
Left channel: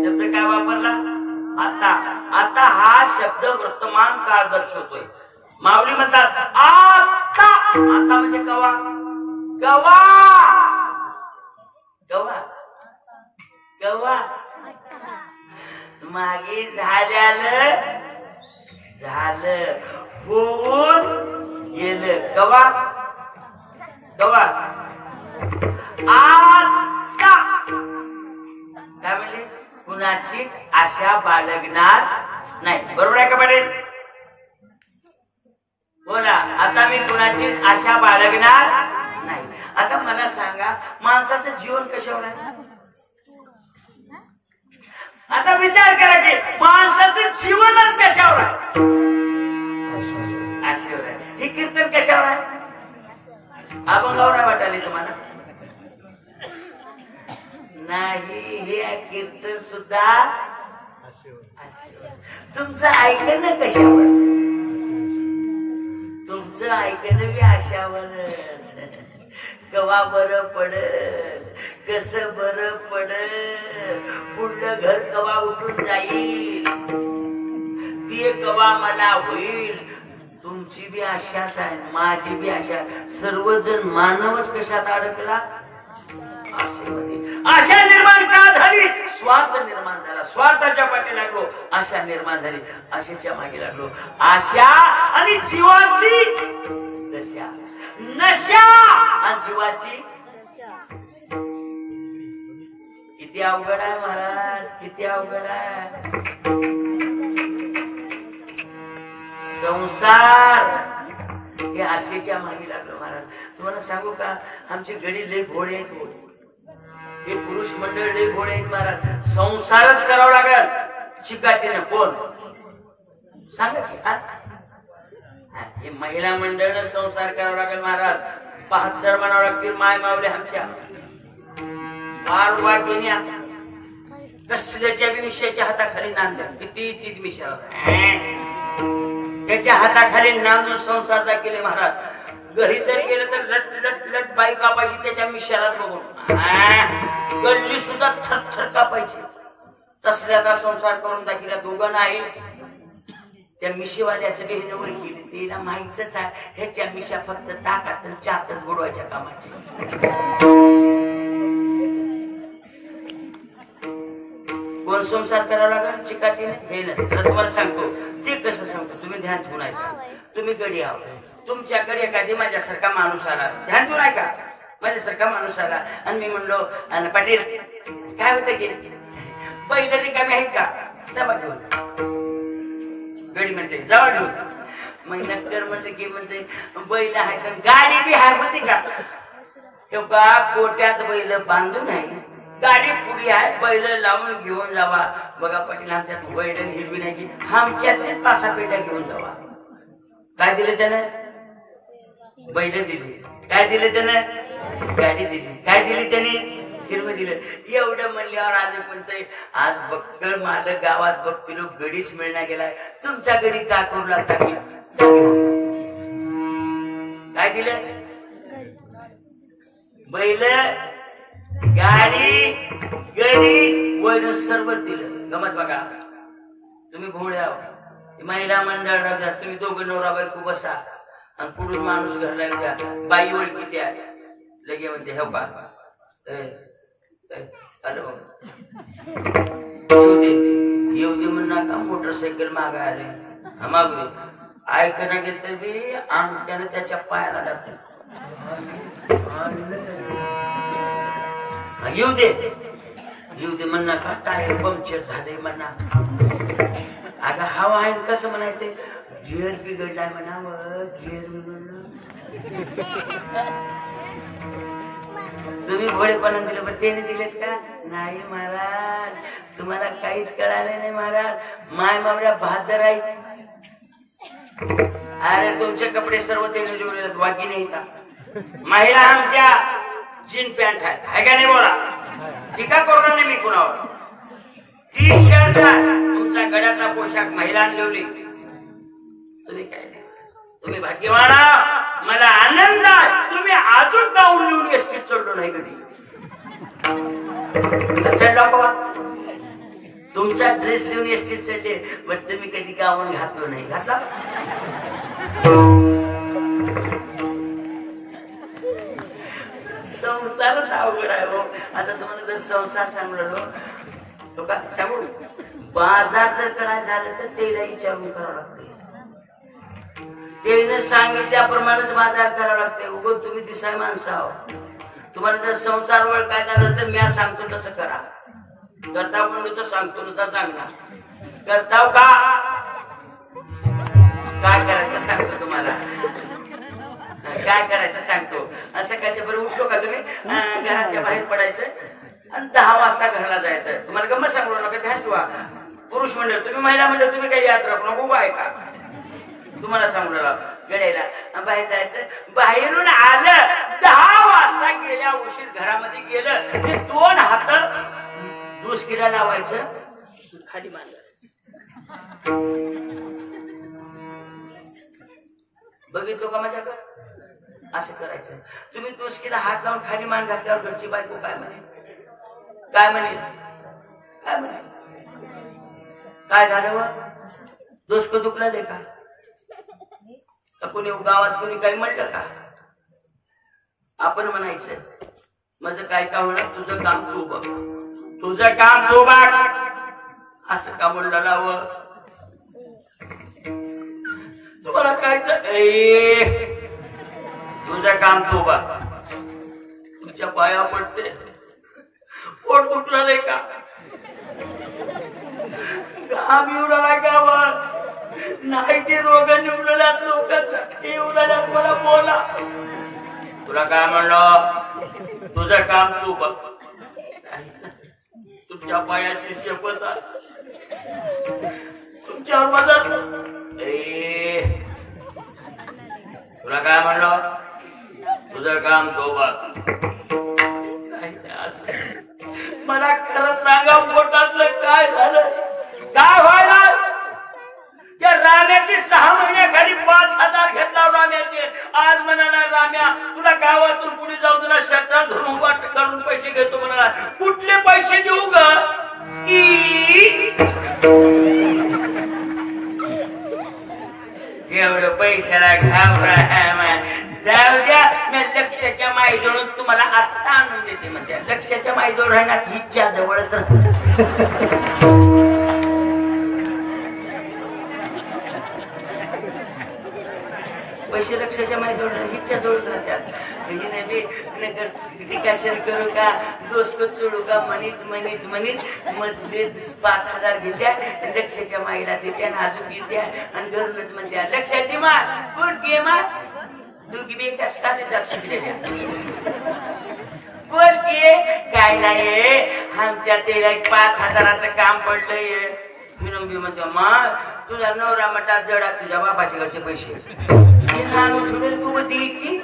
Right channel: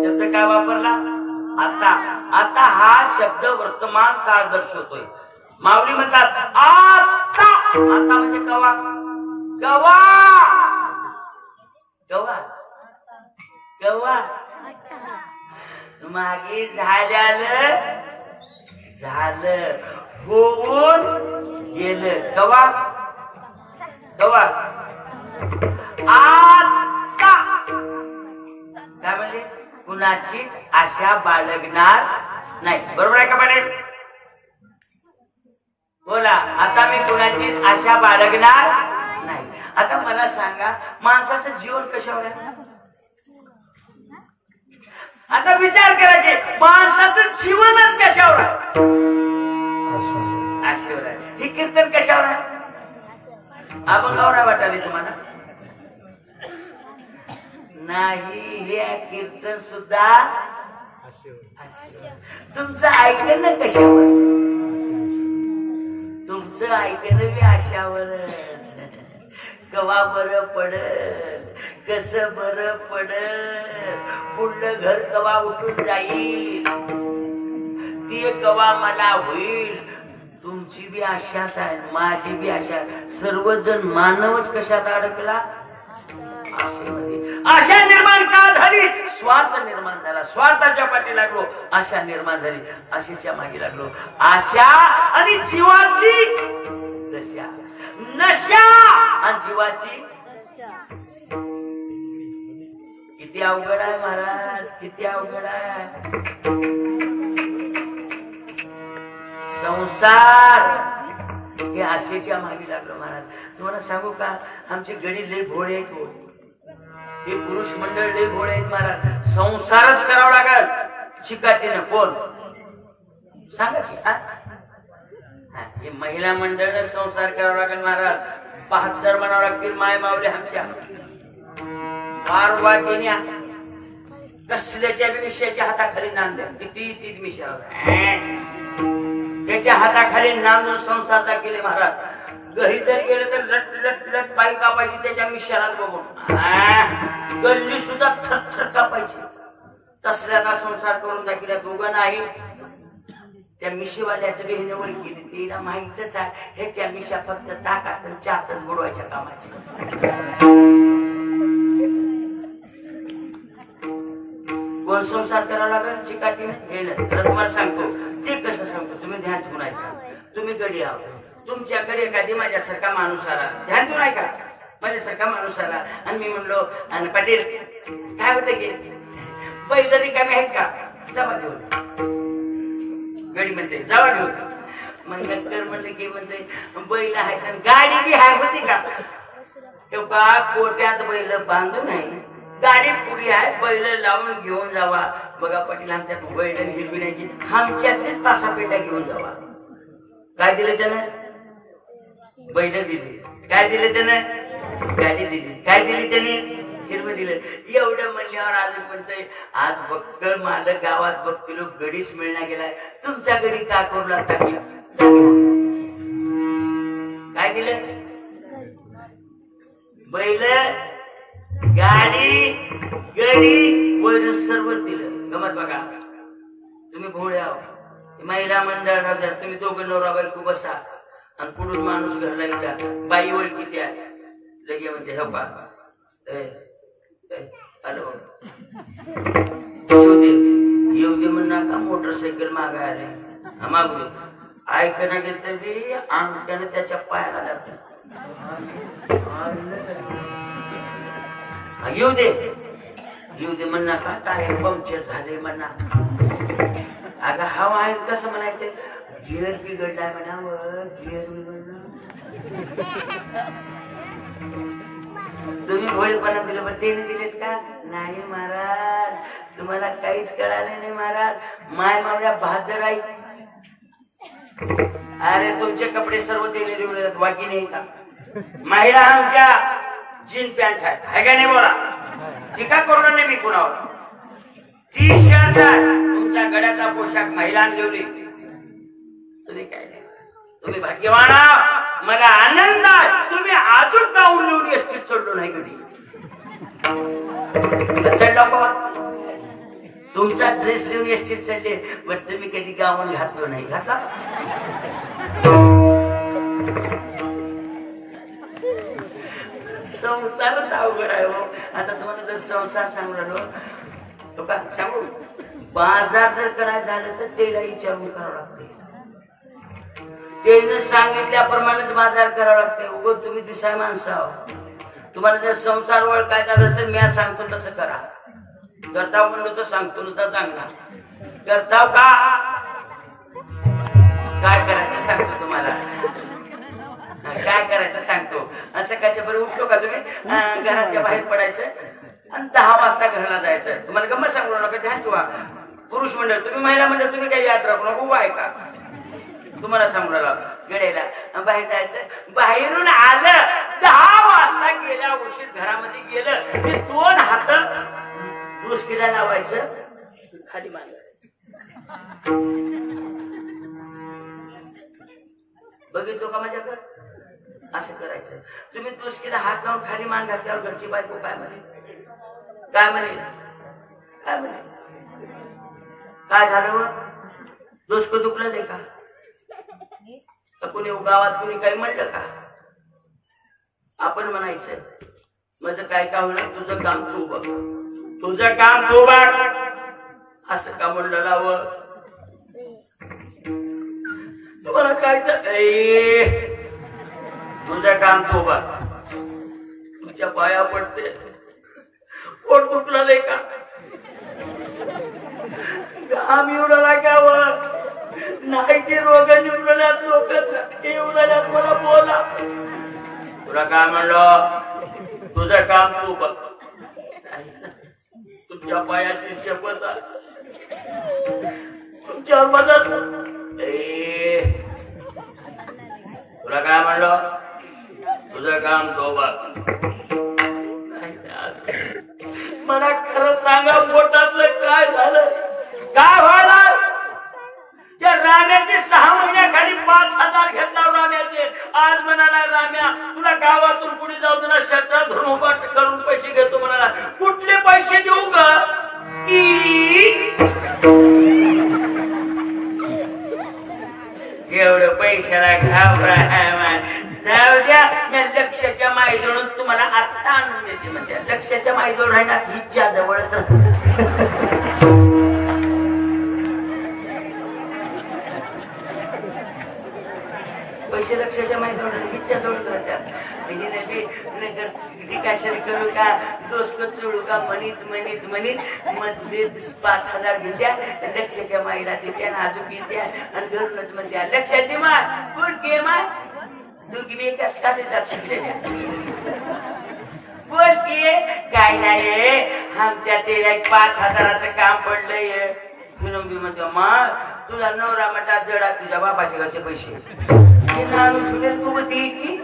शब्द काय वापरला? आता. आता हा शब्द वर्तमान काळ दर्शवतोय. माऊली म्हणतात आता. आता म्हणजे कवा? कवा कवा कवा मागे झाल्यानं झालं, होऊन गेलं. कवा कवा आता. काय म्हणले? कुणाचीच आशा बाळगणार नाही. बरोबर आहे का पाटील? बोला. आता मी कुणाची आशा बाळगणार नाही. आता मला सांगा माणसाचं जीवन कशावर आहे? आता विचार करा की माणसाचं जीवनच कशावर आहे? आशेवर आहे. हे कीर्तन कशावर आहे? अभंगावर वाटाले तुम्हाला? नाही, हे कीर्तन सुद्धा तुमचं ऐकणं कशावर? तुमचं ऐकणं बी आशावरच. कवा बरं पडल, कस बरं पडल, पुढलं घर कवा उठून जाईल, ती कवा मला होईल. तुमची बी आशाच आहे, माझी बी आशा. सर्वजण मानवच कशात अडकला? आशेमध्ये. आशा निर्माण का झाली? स्वार्थ निर्माण झाला. स्वार्थाच्या पाठी लागलो, आशा निर्माण झाली. आशेच्या मागे लागलो. आशा आणि जीवाची नशा, नशा आणि जीवाची. किती अवघड आहे महाराज, किती अवघड आहे संसार. हे आशेच्या मागे लागलो महाराज. तुम्हाला सांगू का, आमचे गडी लय भोळे आहेत. हे पुरुष मंडळ लय भोळे आहेत महाराज. संसारच करावं लागल चिकाटीने. कोण सांगा की? हे महिला मंडळ संसार करावं लागेल महाराज. 72 म्हणावं लागतील माय मावले आमच्या वारवा गेल्या कसल्याच्या विषयाच्या हाताखाली नांदल्या किती ती मिशा त्याच्या हाताखाली नांदून संसार केले महाराज घरी जर गेलं तर लट लट लट बाई कापायची त्याच्या मिशालाच बघून गल्ली सुद्धा थरथर कापायची तसल्याचा संसार करून दाखिला दोघं नाही त्या मिशीवाल्याचं बेहनवळ केली तिला माहितच आहे ह्याच्या मिशा फक्त ताकात चातच बुडवायच्या कामाच्या कोण संसार करावा लागेल चिकाटीने हे नाही तर तुम्हाला सांगतो ते कसं सांगतो तुम्ही ध्यान ठेवून ऐका तुम्ही गडी आहात तुमच्याकडे एखादी माझ्यासारखा माणूस आला ध्यान ठेवून ऐका माझ्यासारखा माणूस आला आणि मी म्हणलो आणि पाटील काय होतं की पहिलं रिकामी आहेत का जमा घेऊन गडी म्हणते जवळ घेऊन मग नंतर म्हणलं की म्हणते बैल आहे गाडी बी आहे होती का कोट्यात बैल बांधून आहे गाडी पुढे आहे बैल लावून घेऊन जावा बघा पाटील आमच्यात बैल हिरवी नाही की आमच्यातलीच पासा पेट्या घेऊन जावा काय दिलं त्यानं बैल दिली काय दिलं त्यानं गाडी दिली काय दिली त्याने हिरवं दिलं एवढं म्हणल्यावर आज म्हणतोय आज बक्कळ मालक गावात बघतील गडीच मिळणार गेलाय तुमच्या घरी काय करू लागता की काय दिलं बैल गाडी गडी वर सर्व दिलं गमत बघा तुम्ही भोळ्या महिला मंडळाला तुम्ही दोघं नवरा बायको बसा आणि पुढून माणूस घरला येऊ बाई ओळखी त्या लगे म्हणते हे बा येऊ दे म्हण नका मोटरसायकल मागा आले मागू ऐकणं गेलं तर बी अंगठ्यानं त्याच्या पायाला जाते येऊ दे म्हण नका टायर पंक्चर झाले म्हणा अगं हवा आहे कसं म्हणायचं गिअर बिघडलाय म्हणावं गिअर तुम्ही भोळेपणा दिलं पण त्याने दिलेत का नाही महाराज तुम्हाला काहीच कळाले नाही महाराज माय मावल्या बहादर आहे अरे तुमचे कपडे सर्व त्याने लिवले बाकी नाही का महिला आमच्या जीन पॅन्ट आहे का नाही बोला टीका करू नाही मी कुणावर टी शर्ट तुमच्या गड्याचा पोशाख महिलांनी लिवली तुम्ही काय तुम्ही भाग्यवान मला आनंद आहे तुम्ही अजून गाऊन लिहून एसटीत चढलो नाही कधी तुमचा ड्रेस लिहून एसटीत चढले पण तुम्ही कधी गाऊन घातलो नाही घातला संसारच अवघड आहे हो आता तुम्हाला जर संसार सांगू राहिलो का सांगू बाजार जर करायचं झालं तर त्याला विचारून करावं लागते त्याने सांगितल्याप्रमाणेच बाजार करावं लागते उगो तुम्ही दिसाय माणसं आहो तुम्हाला जर संसार ओळखायचा झालं तर मी सांगतो तसं करा करताव म्हणलो तर सांगतो नुसता सांगणार करताव का काय करायचं सांगतो तुम्हाला काय करायचं सांगतो असं कायच्या बरोबर उठतो का तुम्ही घराच्या बाहेर पडायचं आणि 10 वाजता घरला जायचं तुम्हाला गंमत सांगू नका ध्यान ठेवा पुरुष मंडळ तुम्ही महिला मंडळ तुम्ही काही याद राखू नको आहे का तुम्हाला सांगू राहिला वेळेला बाहेर जायचं बाहेरून आलं 10 वाजता गेल्या उशीर घरामध्ये गेलं की 2 हात दुसकीला लावायचं खाली बांधायचं बघितलो का माझ्याकडे असं करायचं तुम्ही दुसकीला हात लावून खाली मान घातल्यावर घरची बायको काय म्हणे काय म्हणे काय म्हणे काय झालं व दोषक दुखलं नाही का कोणी गावात कोणी काही म्हणलं का आपण म्हणायचं माझं काय काम होणार तुझं काम तू बघ तुझं काम तू बघ असं का म्हणलं लावं तुम्हाला काय तुझं काम तू बघ तुझ्या पाया पडते पोट दुखला नाही का घाम येऊ लागला का वर नाही ते रोग निवडल्यात लोक चटके उडाल्यात मला बोला तुला काय म्हणलं तुझं काम तू बघ तुमच्या पायाची शपथ तुमच्यावर मदत तुला काय म्हणलं तुझं काम तो बघ. मला खरं सांगा पोटातलं काय झालं, काय व्हायला. त्या राम्याचे 6 महिन्याखाली 5,000 घेतला राम्याचे. आज म्हणाला राम्या तुला गावातून कुणी जाऊ तुला शस्त्र धरून उभा करून पैसे घेतो म्हणाला. कुठले पैसे देऊ ग. एवढं पैशाला घाबरा. जाऊ द्या, मी लक्षाच्या माईजवळून तुम्हाला आत्ता आणून देते म्हणते. लक्षाच्या माईजवळ आहे ना हिच्या जवळच. पैसे लक्षाच्या माईजवळ हिच्या जवळ राहतात. डिकाशन करू का, दोस्त सोडू का, म्हणीत मध्ये 5,000 घेत्या, लक्षाच्या माईला देत्या, अजून देत्या आणि घरूनच म्हणत्या लक्षाची माय कोण घे माय. दोघी बी एकाच काढायला शिकलेल्या. बोल की काय नाही, आमच्या तेला 5,000चं काम पडलंय. विनंबी म्हणतो मा तुझा नवरा मटा जडा, तुझ्या बापाचे घरचे पैसे तू दे की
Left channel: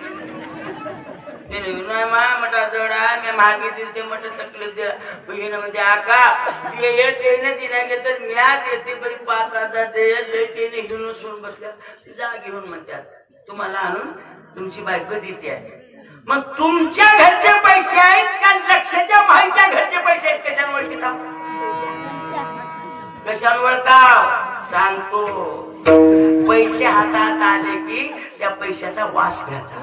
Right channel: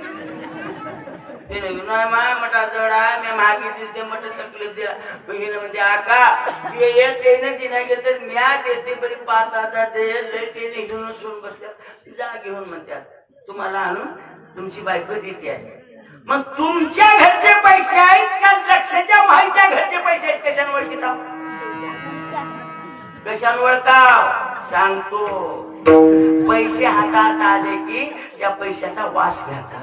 नाही. मा मटा जडा मी मागे दिले मट तकलीफ दिला. बहिण म्हणते आका ते ना तिला तर म्या देते बरी 5,000 दे. लय घेऊन सोडून बसल्या. जा घेऊन म्हणतात. तुम्हाला आणून तुमची बायको देते आहे. मग तुमच्या घरचे पैसे आहेत का लक्षाच्या माईच्या घरचे पैसे आहेत. कशामुळे तिथं कशामुळे का सांगतो. पैसे हातात आले की त्या पैशाचा वास घ्यायचा.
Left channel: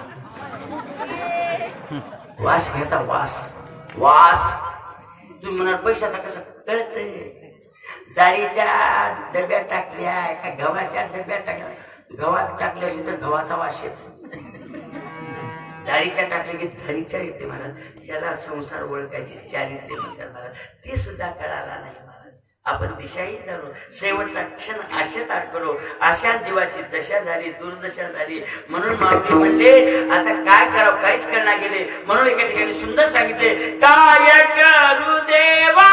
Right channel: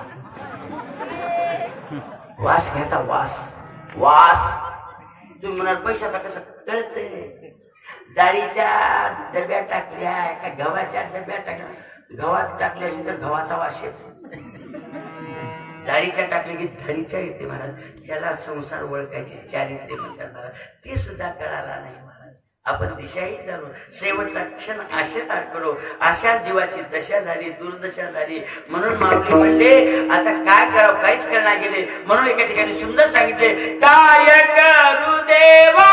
वास घ्यायचा. वास तुम्ही म्हणाल पैशाचा कसा कळतंय. डाळीच्या डब्यात टाकल्या का गव्हाच्या डब्यात टाकल्या. गव्हात टाकल्या असेल तर गव्हाचा वास येतो. डाळीच्या टाकल्या की धणीच्या येते महाराज. याला संसार ओळखायची चारित्र्य म्हणतात महाराज. ते सुद्धा कळाला नाही महाराज. आपण दिशाही करू. शेवटचा क्षण आशेत करू. अशा जीवाची दशा झाली, दुर्दशा झाली. म्हणून माऊली म्हणले आता काय करावं, काहीच करणार गेले. म्हणून एका ठिकाणी सुंदर सांगितले काय करू देवा.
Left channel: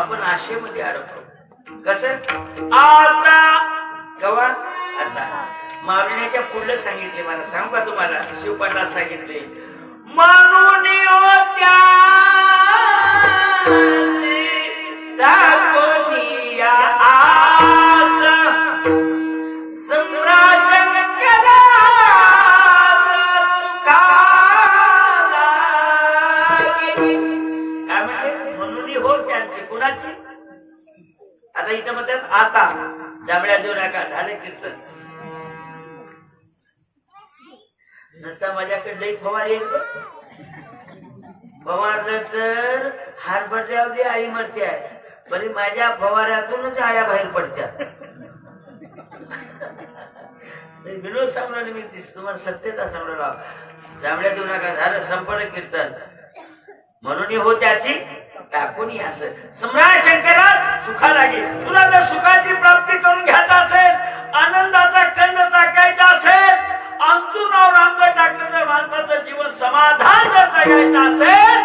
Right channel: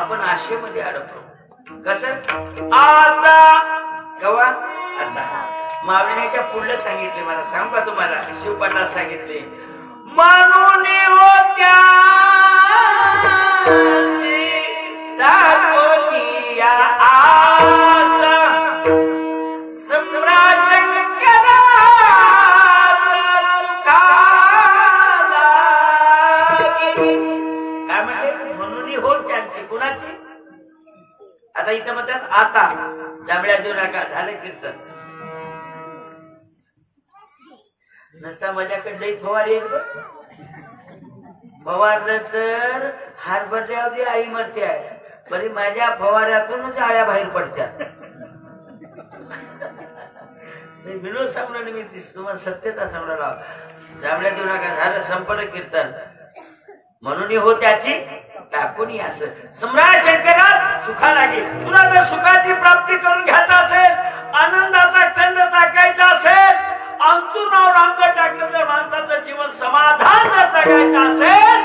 आपण आशेमध्ये अडकतो. कसं आता गवा आता मावण्याच्या पुढलं सांगितले. मला सांग का तुम्हाला शिवपाठात सांगितले म्हणून होत्या आता इथं म्हणतात आता जांभळ्या देऊ नका. झालं कीर्तन नसता माझ्याकडे फवारी फवारलं तर हरभऱ्यावरली आळी मरते आहे, बरी माझ्या फवाऱ्यातूनच आळ्या बाहेर पडत्यात. विनोद सांगणार मी तुम्हाला सत्यता सांगणार. जांभळ्या देऊ नका, झालं संपन्न कीर्तन. म्हणून हो त्याची टाकून असं. सम्राट शंकरा सुखा लागे. तुला जर सुखाची प्राप्ती करून घ्यायचा असेल, आनंदाचा कंद चाकायचा असेल, अंतुनावर अंग टाकलं तर माणसाचं जीवन समाधान जर जगायचं असेल,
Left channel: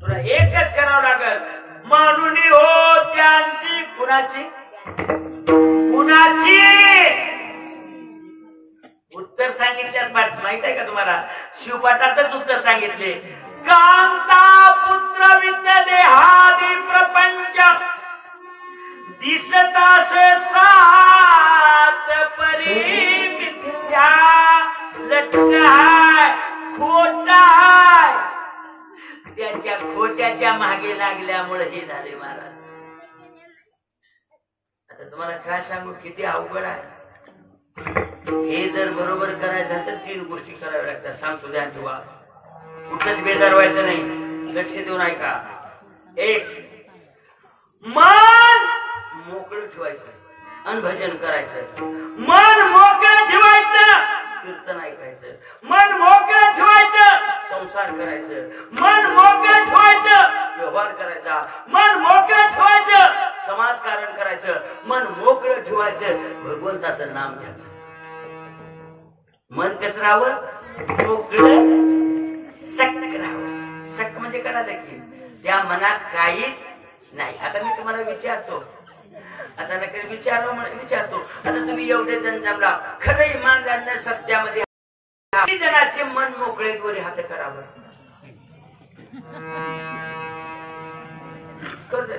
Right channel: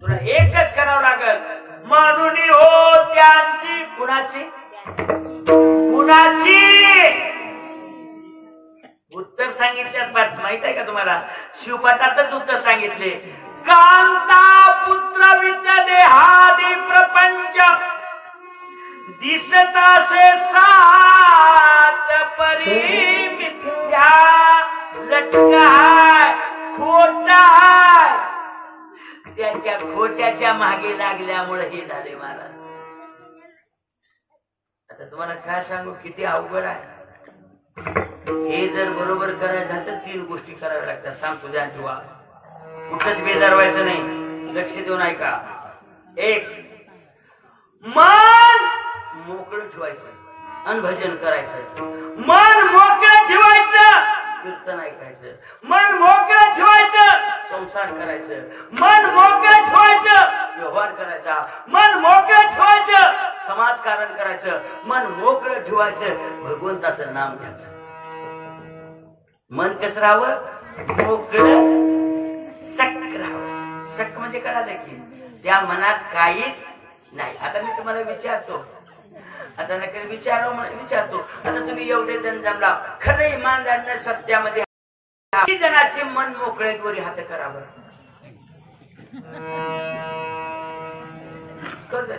तुला एकच करावं लागल. म्हणून हो त्यांची कुणाची कुणाची उत्तर सांगितल्यात. माहित आहे का तुम्हाला? शिवपाठातच उत्तर सांगितले. कांता पुत्र विद्या देहादी प्रपंच दिसतासे साच परी मिथ्या लटकाय खोटाय. त्यांच्या खोट्याच्या मागे लागल्यामुळे हे झाले महाराज. आता तुम्हाला काय सांगू, किती अवघड आहे हे. जर बरोबर करायचं तर 3 गोष्टी कराव्या लागतात. सांगतो ध्यान ठेवा, कुठंच बेजार व्हायचं नाही. लक्ष देऊन ऐका. 1, मन मोकळं ठेवायचं आणि भजन करायचं. मन मोकळं ठेवायचं, कीर्तन ऐकायचं. मन मोकळं ठेवायचं, संसार करायचं. मन मोकळं ठेवायचं, व्यवहार करायचा. मन मोकळं ठेवायचं, समाजकारण करायचं. मन मोकळं ठेवायचं, भगवंताचं नाम घ्यायचं. मन कसं राहावं? मोकळं सक राहावं. सक म्हणजे कळालं की त्या मनात काहीच नाही. आता मी तुम्हाला विचारतो, आता नक्की विचारतो. आता तुम्ही एवढे जण जमला, खरं इमानदार सत्यामध्ये जणाचे मन मोकळे वरी हात करावं.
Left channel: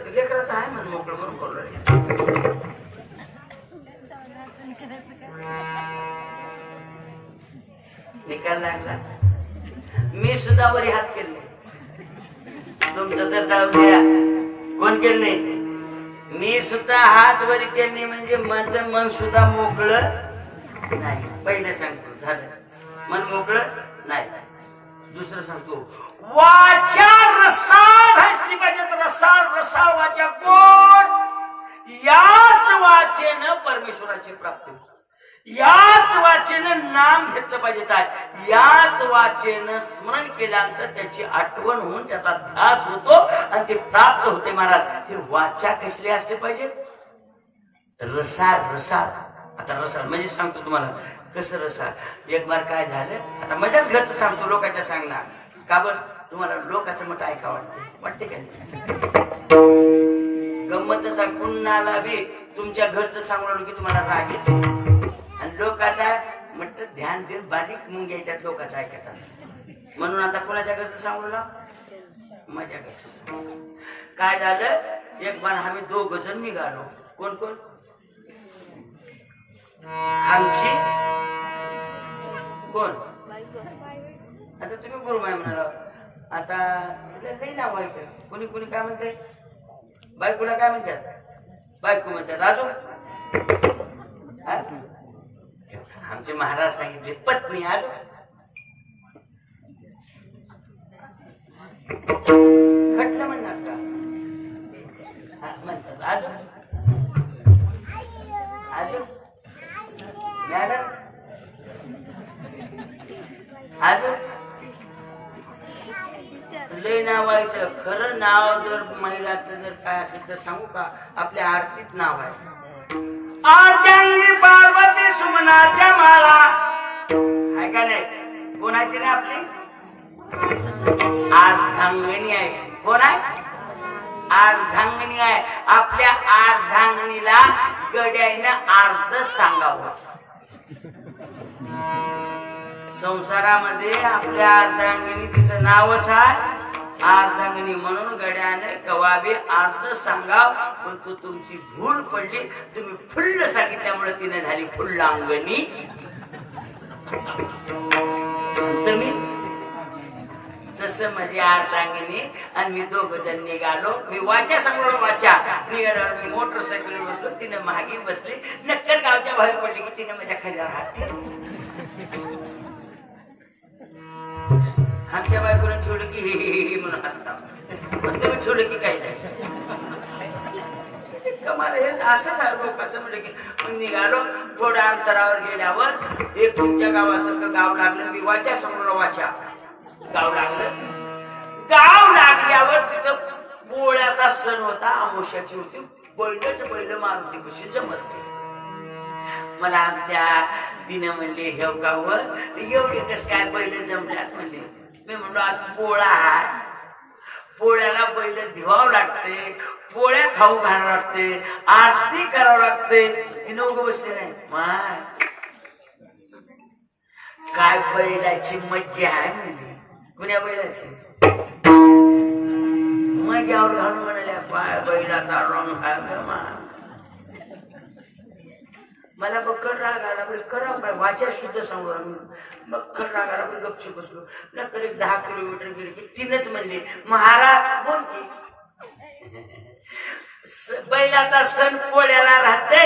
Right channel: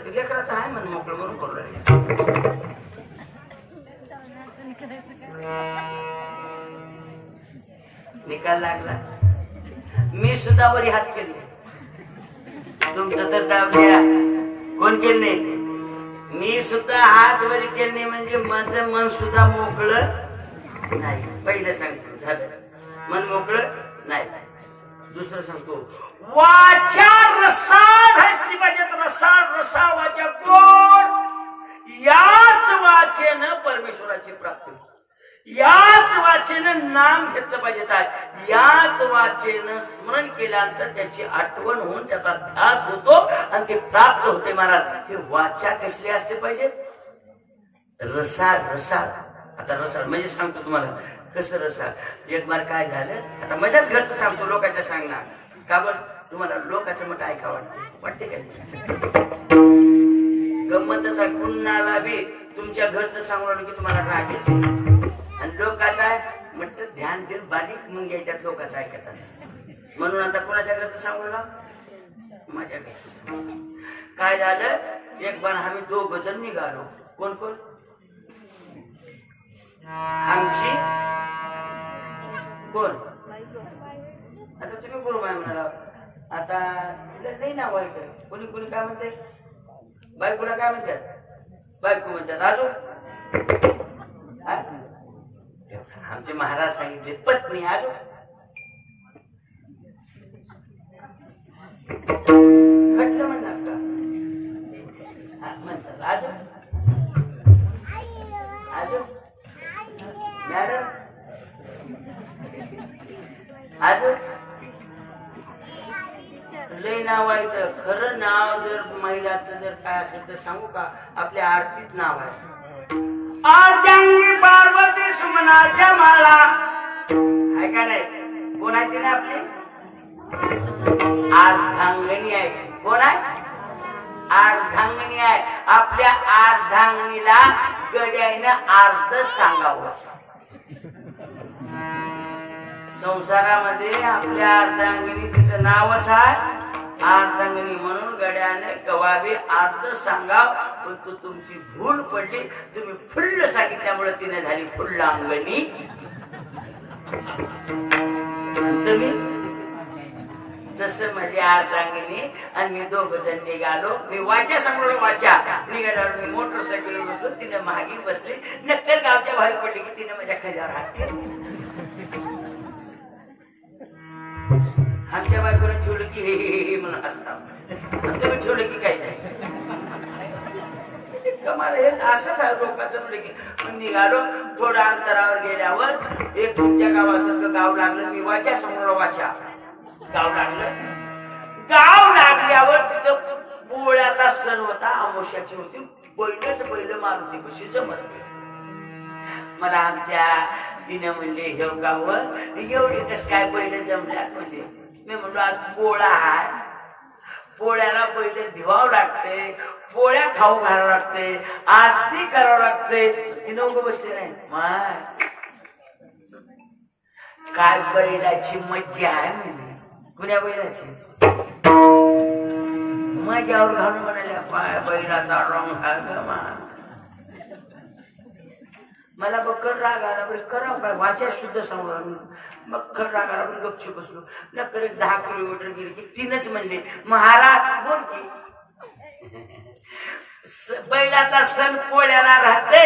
लेकराचं आहे मन मोकळं म्हणून करू. निकाल लागला. मी सुद्धा वरी हात केले. तुमचं तर जाऊ द्या, कोण केले? मी सुद्धा हात वरी केले. म्हणजे माझं मन सुद्धा मोकळं नाही. पहिलं सांगतो, झालं मन मोकळं नाही. दुसरं सांगतो, वाचा रसाळ असली पाहिजे. रसाळ वाचा कोण? याच वाचेनं परमेश्वराची प्राप्ती, याच वाचेनं नाम घेतलं पाहिजे. याच वाचेनं स्मरण केल्यानंतर त्याची आठवण होऊन त्याचा ध्यास होतो आणि ते प्राप्त होते. महाराज, हे वाचा कसले असले पाहिजे? रसाळ. आता रसाळ म्हणजे सांगतो तुम्हाला कसं रसाळ. एक बार काय झालं, आता माझ्याच घरचं सांगतो, लोकांच्या सांगणार. का बरं? तुम्हाला लोकांचं मत ऐका वाटते का? गंमतच आहे. कुणाला बी तुमच्या घरचं सांगून की तुम्हाला राग येतो, आणि लोकांचा म्हटलं ध्यान देऊन बारीक मुंग्या येतात लोकांचं ऐकतात. म्हणून आता कोणाच्या घरचं सांगू ना, माझ्या घरचं सांगू. काय झालं, एक बार आम्ही 2 जण निघालो. कोण कोण? आमची कोण? आता तुम्ही कोण काय म्हणाला? आता नाही नाव आहे. कोणी कोणी काय म्हणते? बायकोला काय म्हणतात? बायको म्हणतात. अजून आमचे महाराज सांगितले पत्नी. अजून खटलं म्हणतात का? म्हणतात. अजून मॅडम. अजून लय नाव आहे. खरं नाव जर महिलाचं जर काय असेल तर सांगू का? आपल्या आरतीत नाव आहे. अर्धांगी पार्वती सुमनाच्या माला. ऐका नाही, कोण आहे तिने? आपली अर्धांगिनी आहे. कोण आहे? अर्धांगिनी आहे. आपल्या अर्धांगिनीला गड्यानं अर्ध सांगावं. संसारामध्ये आपल्या अर्धांगिनी, तिचं नावच आहे अर्धांगिनी. म्हणून गड्याने कवाबी अर्ध सांगाव. पण तू तुमची भूल पडली, तुम्ही फुल्ल सांगितल्यामुळे तिने झाली फुल्लांगणी. तुम्ही तसं माझी अर्धांगिनी आणि मी 2 जण निघालो. मी वाचा सांगलो. वाचा निघाल्यावर मी मोटरसायकल बसलो. तिने मागे बसली. नक्कर गावच्या बाहेर पडली की तिने माझ्या खाली हात ठेवला. आमच्या बायकोला ठेवलं की हे म्हणून हसता, तुम्ही ठेवलं की काही नाही. कमाल हे असं झालं लोकांचं. म्हणजे की निघालो, थोड्या अंतरावर गेल्यावर एक तुमच्या गावासारखं गाव लागलं. मी वाचा समोर वाचा गाव लागलं. गाव लागल्यावर तिथं पोळ्याचा सण होता, अमावस्याची होती. बैल मारुती पशी जमत गेले. मला आमच्या तिने म्हणले हे गाववर एवढे कस काय बैल जमल्यात म्हणले. मी म्हणलो आज पोळा आहे, पोळ्याला बैल धिवावं लागते, पोळ्या खाऊ घालावं लागते, आरती करावं लागते. तिने उग बसले नाही. माय काय बैलाची मज्जा आहे म्हणजे. कुण्या बैलाची मजावर घालून म्हणाल्या पाय बैलाचा रंग. मला बक्कड राग आला. करा काय वाचा शुद्ध सांगू. बक्कड राग आला. गपची बसलो. नक्कर 10 किलोमीटर गेले की तीनच म्हणले महाराज बोल की बैलाचा सण पोळ्याला राहते,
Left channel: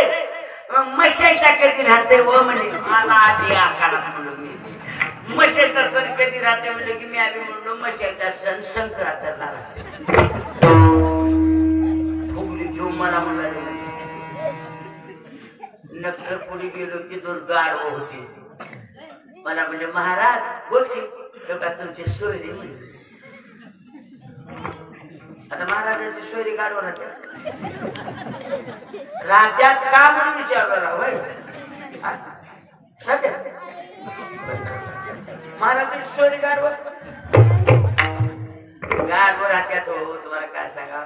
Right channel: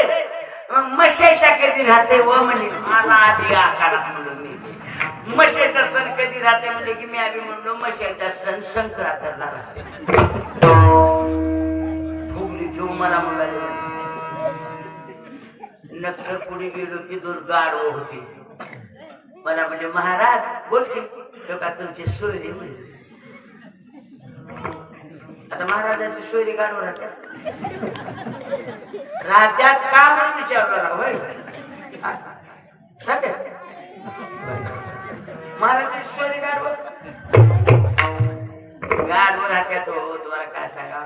मग मशाईचा कधी राहते व म्हणले मला आधी आकारात म्हणलो. मी मशाईचा सण कधी राहते म्हणले की मी आधी म्हणलो मशाईचा सण संक्रांतीला राहते. फुगली घेऊन मला म्हणाले. नक्कर पुढे गेलो की 2 गाढवं होती. मला म्हणजे महाराज बोलते का तुमचे सोयरे म्हणजे. आता महाराजांची सोयरी गाढवं राहत्यात का म्हणून विचारला होय. महाराजांची सोयरी गाढवं राहत्यात हो. तुम्हाला काय सांगा,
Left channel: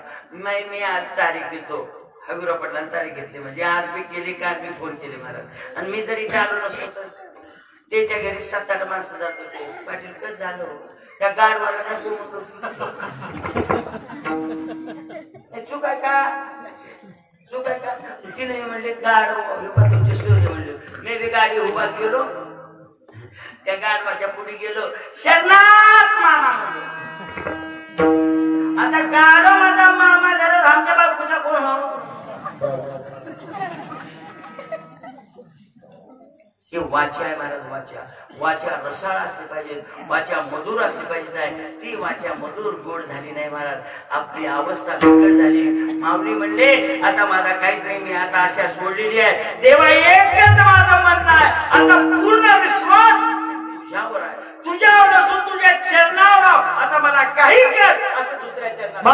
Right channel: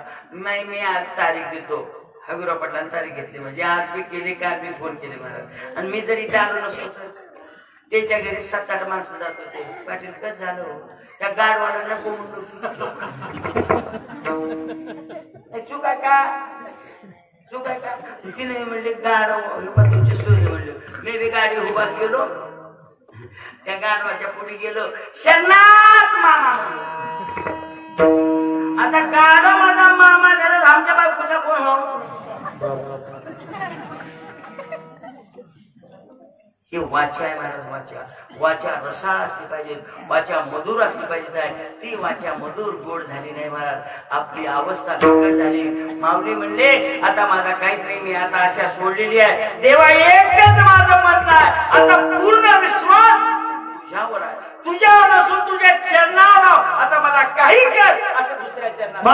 मी आज तारीख देतो. हगुराव पाटलांनी तारीख घेतली म्हणजे आज मी केली, काल मी फोन केले महाराज. आणि मी जरी चालू नसेल तर त्याच्या घरी 7-8 माणसं जात होते. पाटील कसं झालं त्या गाडवाला नको म्हणतो. चूक आहे का, चूक आहे का. तिने म्हणले गाड तुमची सोय म्हणले. मी बी गाडी उभा केलो, त्या गाडवाच्या पुढे गेलो. शरणात मामा म्हणलो. आता गाड माझा मामा झाला, आमच्या बायकोचा कोण हो. हे वाचा आहे महाराज. वाचा रसाळ असली पाहिजे, वाचा मधुर असली पाहिजे. ती वाचा मधुर गोड झाली नाही महाराज. आपली अवस्था बिकट झाली. माऊली म्हणले आता माझा काहीच नाही, मी आता आशा सोडलेली आहे. देवा एकच माझं म्हणणं आहे, आता पूर्ण विश्वास तुझ्यावर आहे, तुझ्यावर नसून तुझ्या चरणावर. आता मला काही कर असं दुसऱ्या चरणावर.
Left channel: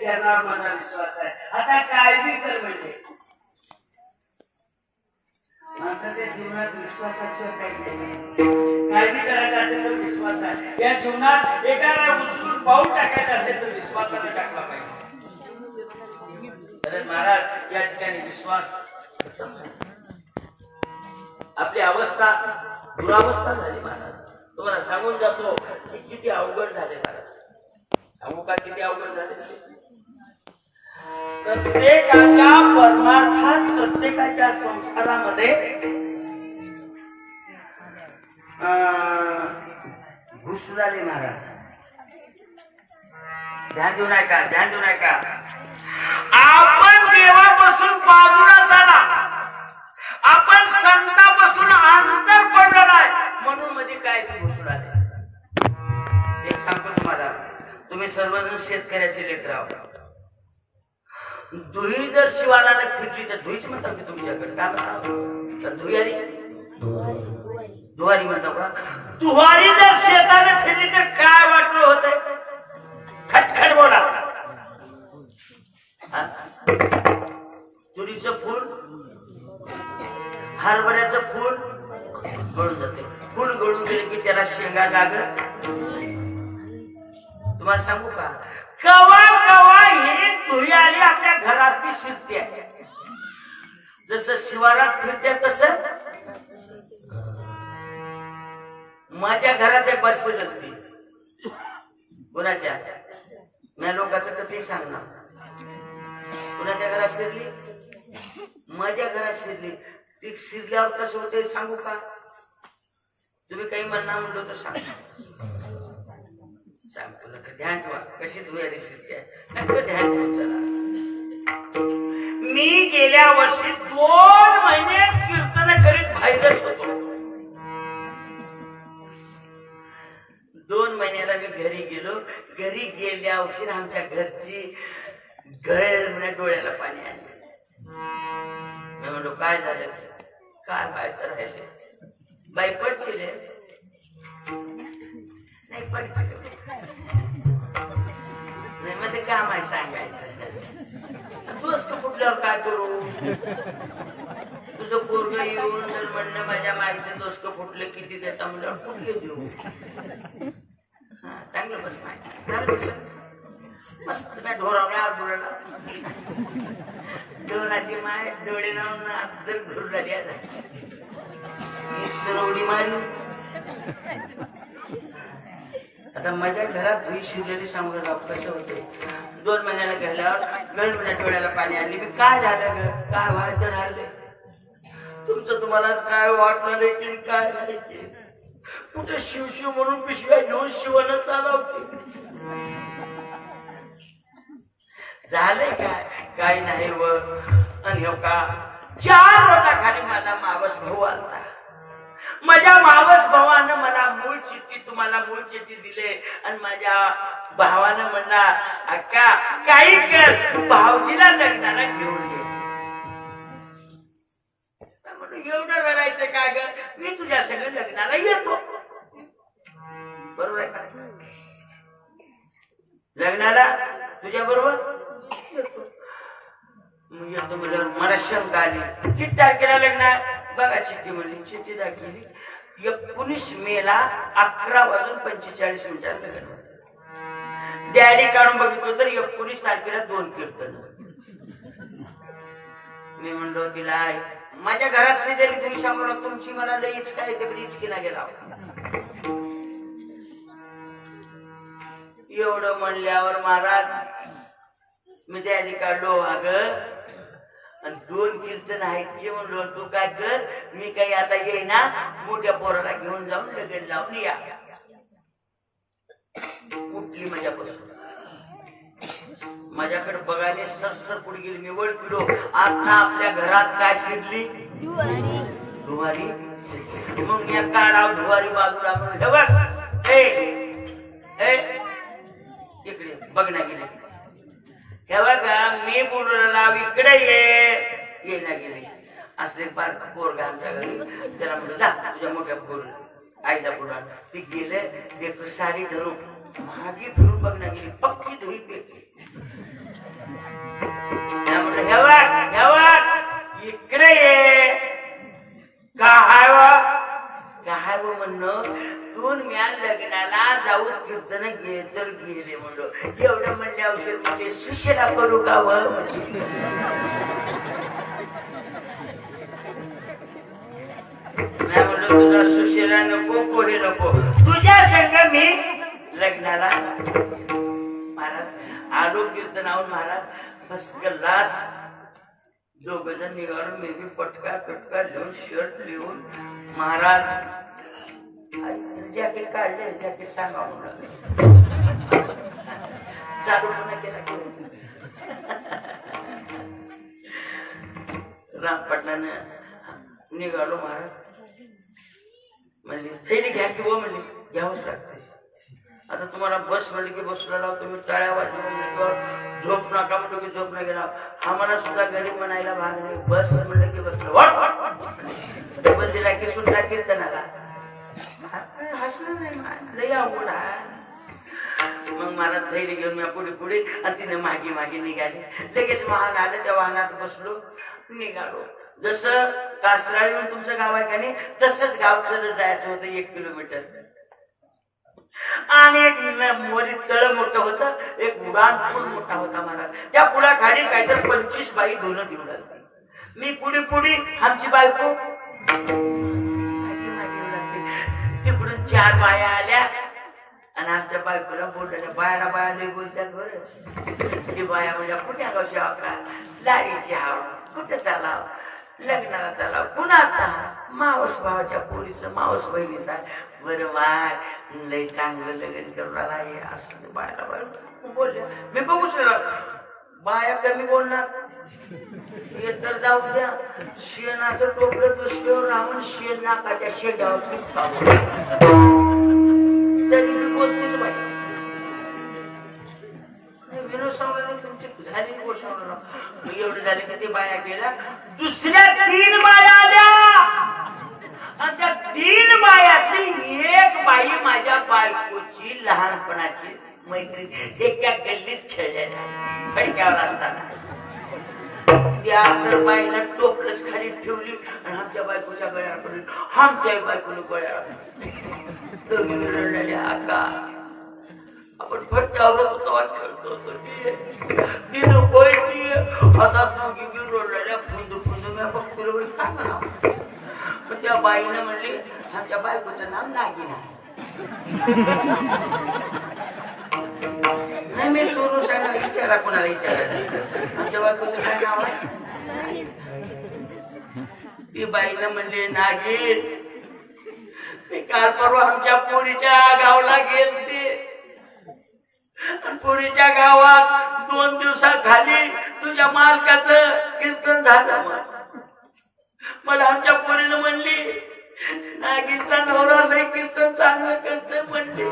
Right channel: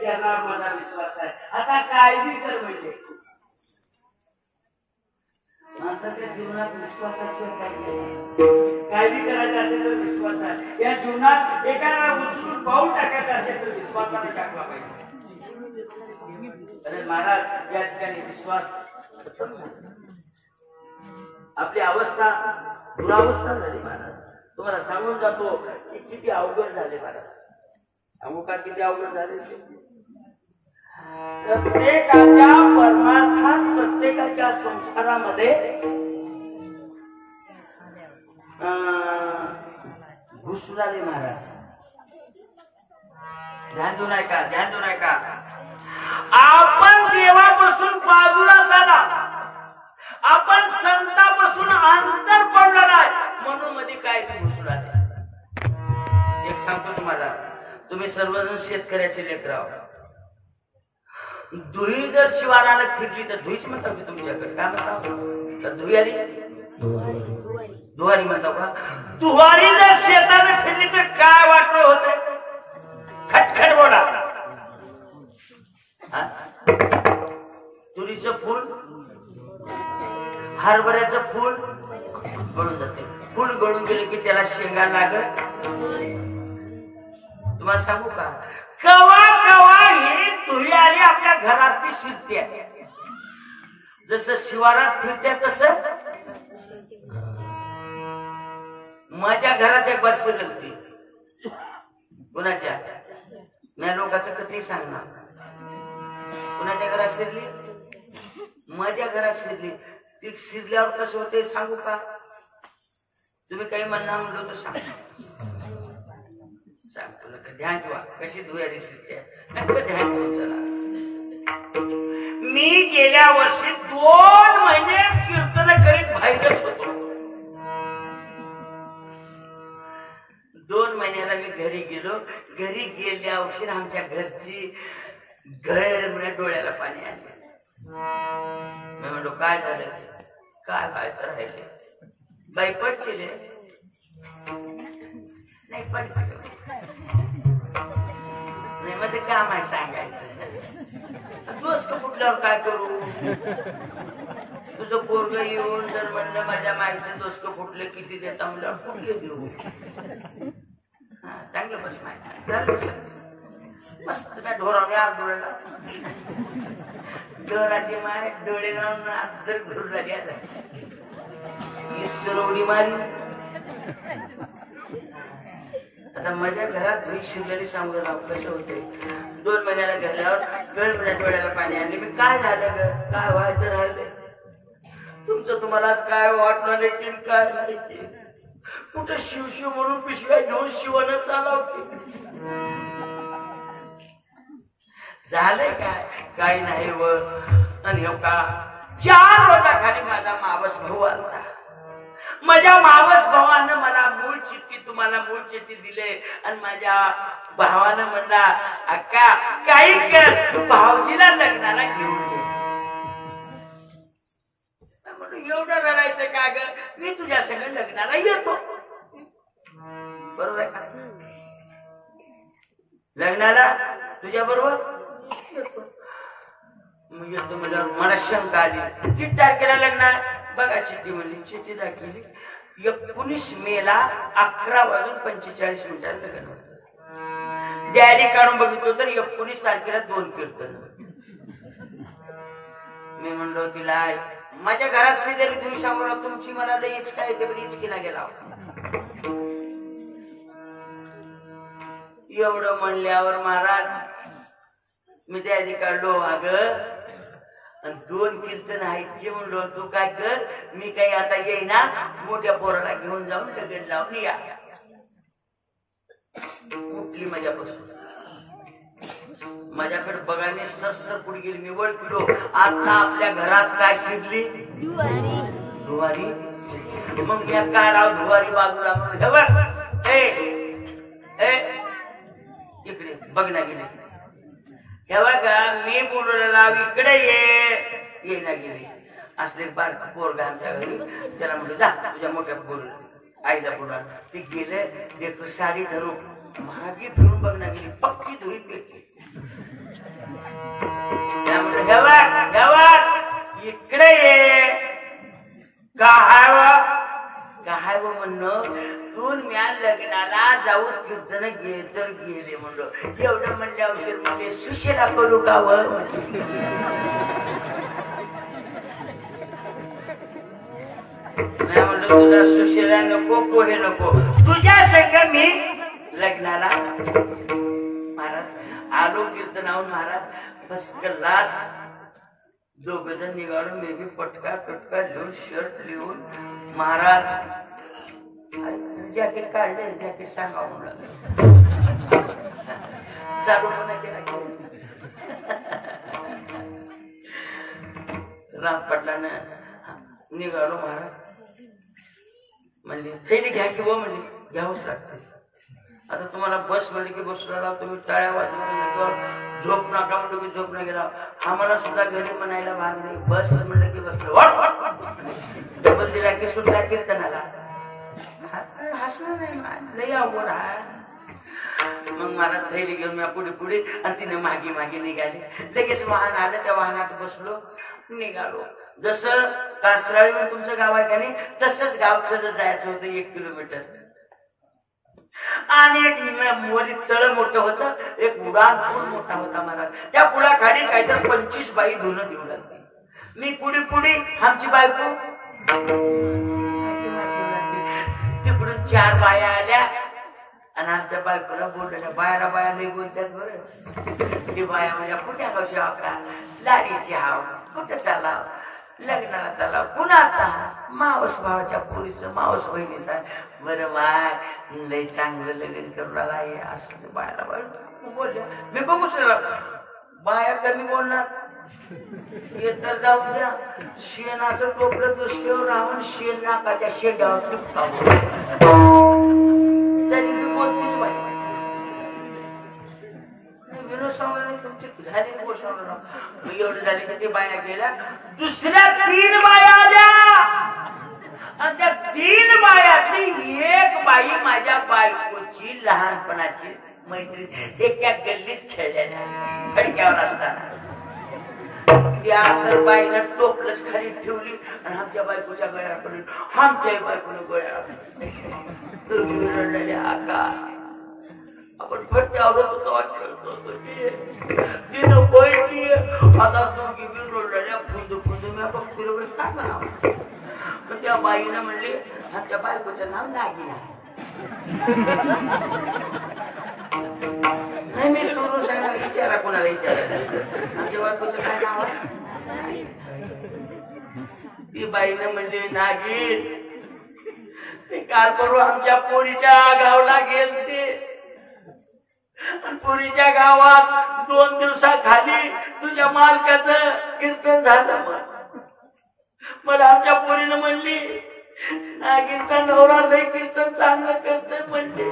चरणावर माझा विश्वास आहे. आता काय बी कर म्हणजे माणसाच्या जीवनात विश्वासाशिवाय काही नाही. काय बी करायचं असेल तर विश्वास आहे. या जीवनात एकाला उचलून पाऊल टाकायचं असेल तर विश्वासाने टाकला पाहिजे. कारण महाराज या ठिकाणी विश्वास आपली अवस्था दुरावस्था झाली महाराज. तुम्हाला सांगून जातो की किती अवघड झाले महाराज. सांगू का किती अवघड झाले. प्रत्येकाच्या परमार्थात प्रत्येकाच्या संसारामध्ये घुसुराले महाराज. ध्यान देऊ नाही का? ध्यान देऊ नाही का? आपण देवापासून बाजूला झाला, आपण संतापासून अंतर पडलं नाही म्हणून मध्ये काय घुसुराले. एक सांगतो तुम्हाला, तुम्ही सर्वजण शेतकऱ्याचे लेकर आहात. दुही जर शिवाराला फिरली तर दुहीच म्हणतात की तुमच्याकडे काय म्हणतात? दुहारी दुहारी म्हणतात का? दुहारी जर शेताला फिरली तर काय वाटलं होत? खटखट बोला. तुरीचं फूल, हरभऱ्याचं फूल गळून जाते. फूल गळून गेले की त्याला शेंगा लागत. तुम्हाला सांगू का? कवा कवा ही दुहारी आपल्या घरात शिरते. जसं शिवारात फिरते तसं माझ्या घरात एक बस शिरली. कुणाच्या? मी लोकांचं कधी सांगणार. कुणाच्या घरात शिरली? माझ्या घरात शिरली. ती शिरल्यावर कसं होते सांगू का? तुम्ही काही म्हणणार म्हणलो तर सांग. ध्यान ठेवा कशी दुहारी शिरते. ध्यान ठेवून चला. मी गेल्या वर्षी 2 महिने कीर्तन करीत बाहेरच होतो. 2 महिन्याला मी घरी गेलो. घरी गेल्या वर्षी आमच्या घरची गैर म्हणजे डोळ्याला पाणी आले. मी म्हणलो काय झालं? काय व्हायचं राहिले? बाई पडशील नाही? पडशील नाही मध्ये काम आहे सांगायचं. दोस्त फुटल्यावर काय करू? तुझं पोरग येऊन जर म्हणलं माझ्या माईचे दोस्त फुटले किती देता म्हणल्यावर फुटले देऊ. चांगलं बस माहिती मस्त मी ढोरावणे आरडोळला. ढोराची माय डोळे लावून दर घुरला द्यायला उडी मारी. आता माझ्या घरात दुई शिवलेली सांगू ना कसं होते. 2 महिन्याला गेल्यावर वेळ डोळ्याला पाणी आणले. मी काय झालं ग? काय व्हायचं राहिले? तुमचं तुम्हालाच काय वाटणार नाही काय नाही. कुठे शिवशिव म्हणून पिशव्या घेऊन शिवण चालवते. झालंय काय? काही नाही. व आणि हो का 4 रोटाखाली माझा मावस भाऊ आलता. माझ्या मावस भावानं मला मूळ चिठ्ठी, तुम्हाला मूळ चिठ्ठी दिले आणि माझ्या भावानं म्हणला अक्का काही कर भाऊजीला लग्नाला घेऊन ये. एवढं रडायचं काय ग? मी तुझ्या सगळं लग्नाला येतो. बरोबर आहे का? लग्नाला तुझ्या बरोबर येतो. मग येतो म्हणलं मला शंका आली. किती तारखेला लग्न? बघा चिठ्ठी म्हणली. चिठ्ठी दाखवली 19 मेला 11:45 लग्न. डायरी काढून बघितलं तर 19 तारखेला 2 कीर्तन. मी म्हणलो तिला माझ्या घरात शेजारी तुम्ही सांगू ना तुमची मला लई इचका येते पण इचकीला गेला. एवढं म्हणल्यावर महाराज मी डायरी काढलो. अगं 2 कीर्तन आहेत की म्हणलो तू काय कर मी काही आता येईना मोठ्या पोराला घेऊन जाऊन लगेच लावून या. उठली माझ्यापासून. माझ्याकडे बघायला सरसर पुढे गेली. मी ओळखलो आता आपल्या घरात काय शिरली? दुवारी. मग या काढाव दुवारी बाजूला म्हणून हे बघ इकडे बघण्या गेले. हे बघा मी बोलूला लाव इकडे ये ना गेले. असले बारक पोरगा आमच्या घरी. त्याला म्हणलं जा तुझ्या मोठ्या पोर आईला बोला. ती गेले साडी धरून मागे फिरून बघण्या गेली. पक्की धुई पेटली. सुशिला करू का व नाही म्हणलं तुला सुशिला नको कोणी नको तुझ्या सगळं मी लग्नाला महाराज आलो कीर्तनाहून महाराज फर्स्ट क्लास दोघ जण निघालो मी बी पटका घेऊन शर्ट लिहून महाराज जॅकेट काढले जॅकेट सांगा चालू नाही केला राम पाटलानं निघालो महाराज म्हणली थैली घ्या की वो म्हणली घ्यावंच लागते आता तुम्हाला बस म्हणली की बसला तुम्ही टाळ्या वाजवून झोप नका म्हणलं की झोप नाही गेला आम्हाला सुद्धा घरी म्हणायला भाग नाही बस म्हणलं की बसलो बंदीला की सुद्धा कीर्तनाला हसलं नाही लई अवघड आहे मग मला थैली घेऊन मी पुढे आणि तिने मागे निघाली लगेच वाहन आलं त्या वाहनात बसलो निघालो जसं कासराळी म्हणून तुमचं गाव आहे का नाही तसंच गाव चलत जायचं होतं 1 किलोमीटर आणि एक मोरी चळ मोठं होतं एक उडान पूल मोठा होता महाराज त्या पुलाखाली काहीतरी 25 बाई धुणं देऊ लागली मी पुढे आमची बायको तिकडून 4 बाया आल्या आणि आमच्या बायकोला बोलल्या बाया लई बोलतात बरं ती बाया म्हणजे कुठे कशा का लाडीची हाव कुठे चालाव लग्नाला चाला पुन्हा आता मावस भावाच्या पोरीचं मावस बहिणीचा बरं बाय लई चांगलं लग्न करून आला हे असं बायला बाय बोलल्या मी बघूच बाया कमी बोलणार हे तर जाऊ द्या शेणाचं टोपलं दुसऱ्यावर राहून शेण नाकाच्या शेंडावर तरी मी बोलतीच बाई एवढे झाले का ते बाया गेल्या दुसऱ्या 3 बाया आल्या आणि त्या 3 बायातली एक बाई माझ्या बायकोची लहानपणाची मैत्रीण एका गल्लीत खेळल्या फडक्यावर असताना त्या तर बाईला टोपलंच खाली ठेवली आणि आमच्या बायकोच्या गळ्यावर पडली आमच्या बायकोने गळ्यावर दोघी रडलेल्या आका आपण फटक्यावर होतो खेळतो तिनं बोलती आता दोघी रडलेल्या खुंदू मी बघतो काय म्हणावं पण त्या बाईनं म्हणले आमच्या बायकोचं नाव नागिन आहे नाही मी सोडून सांगा विचारा कोणाला विचारायला आमच्या बायकोचं काय नाव आहे ती बाईनं म्हणले नागिन ते काल परवा आमच्या पोरीच्या गावला गेलते पुरीच्या गावात 2 दिवसाखाली तुझ्या मालकाचं कीर्तन झालं मला आमच्या पोरीनं म्हणली नागिनचा नवरा लय कीर्तन चांगलं करतोय म्हणली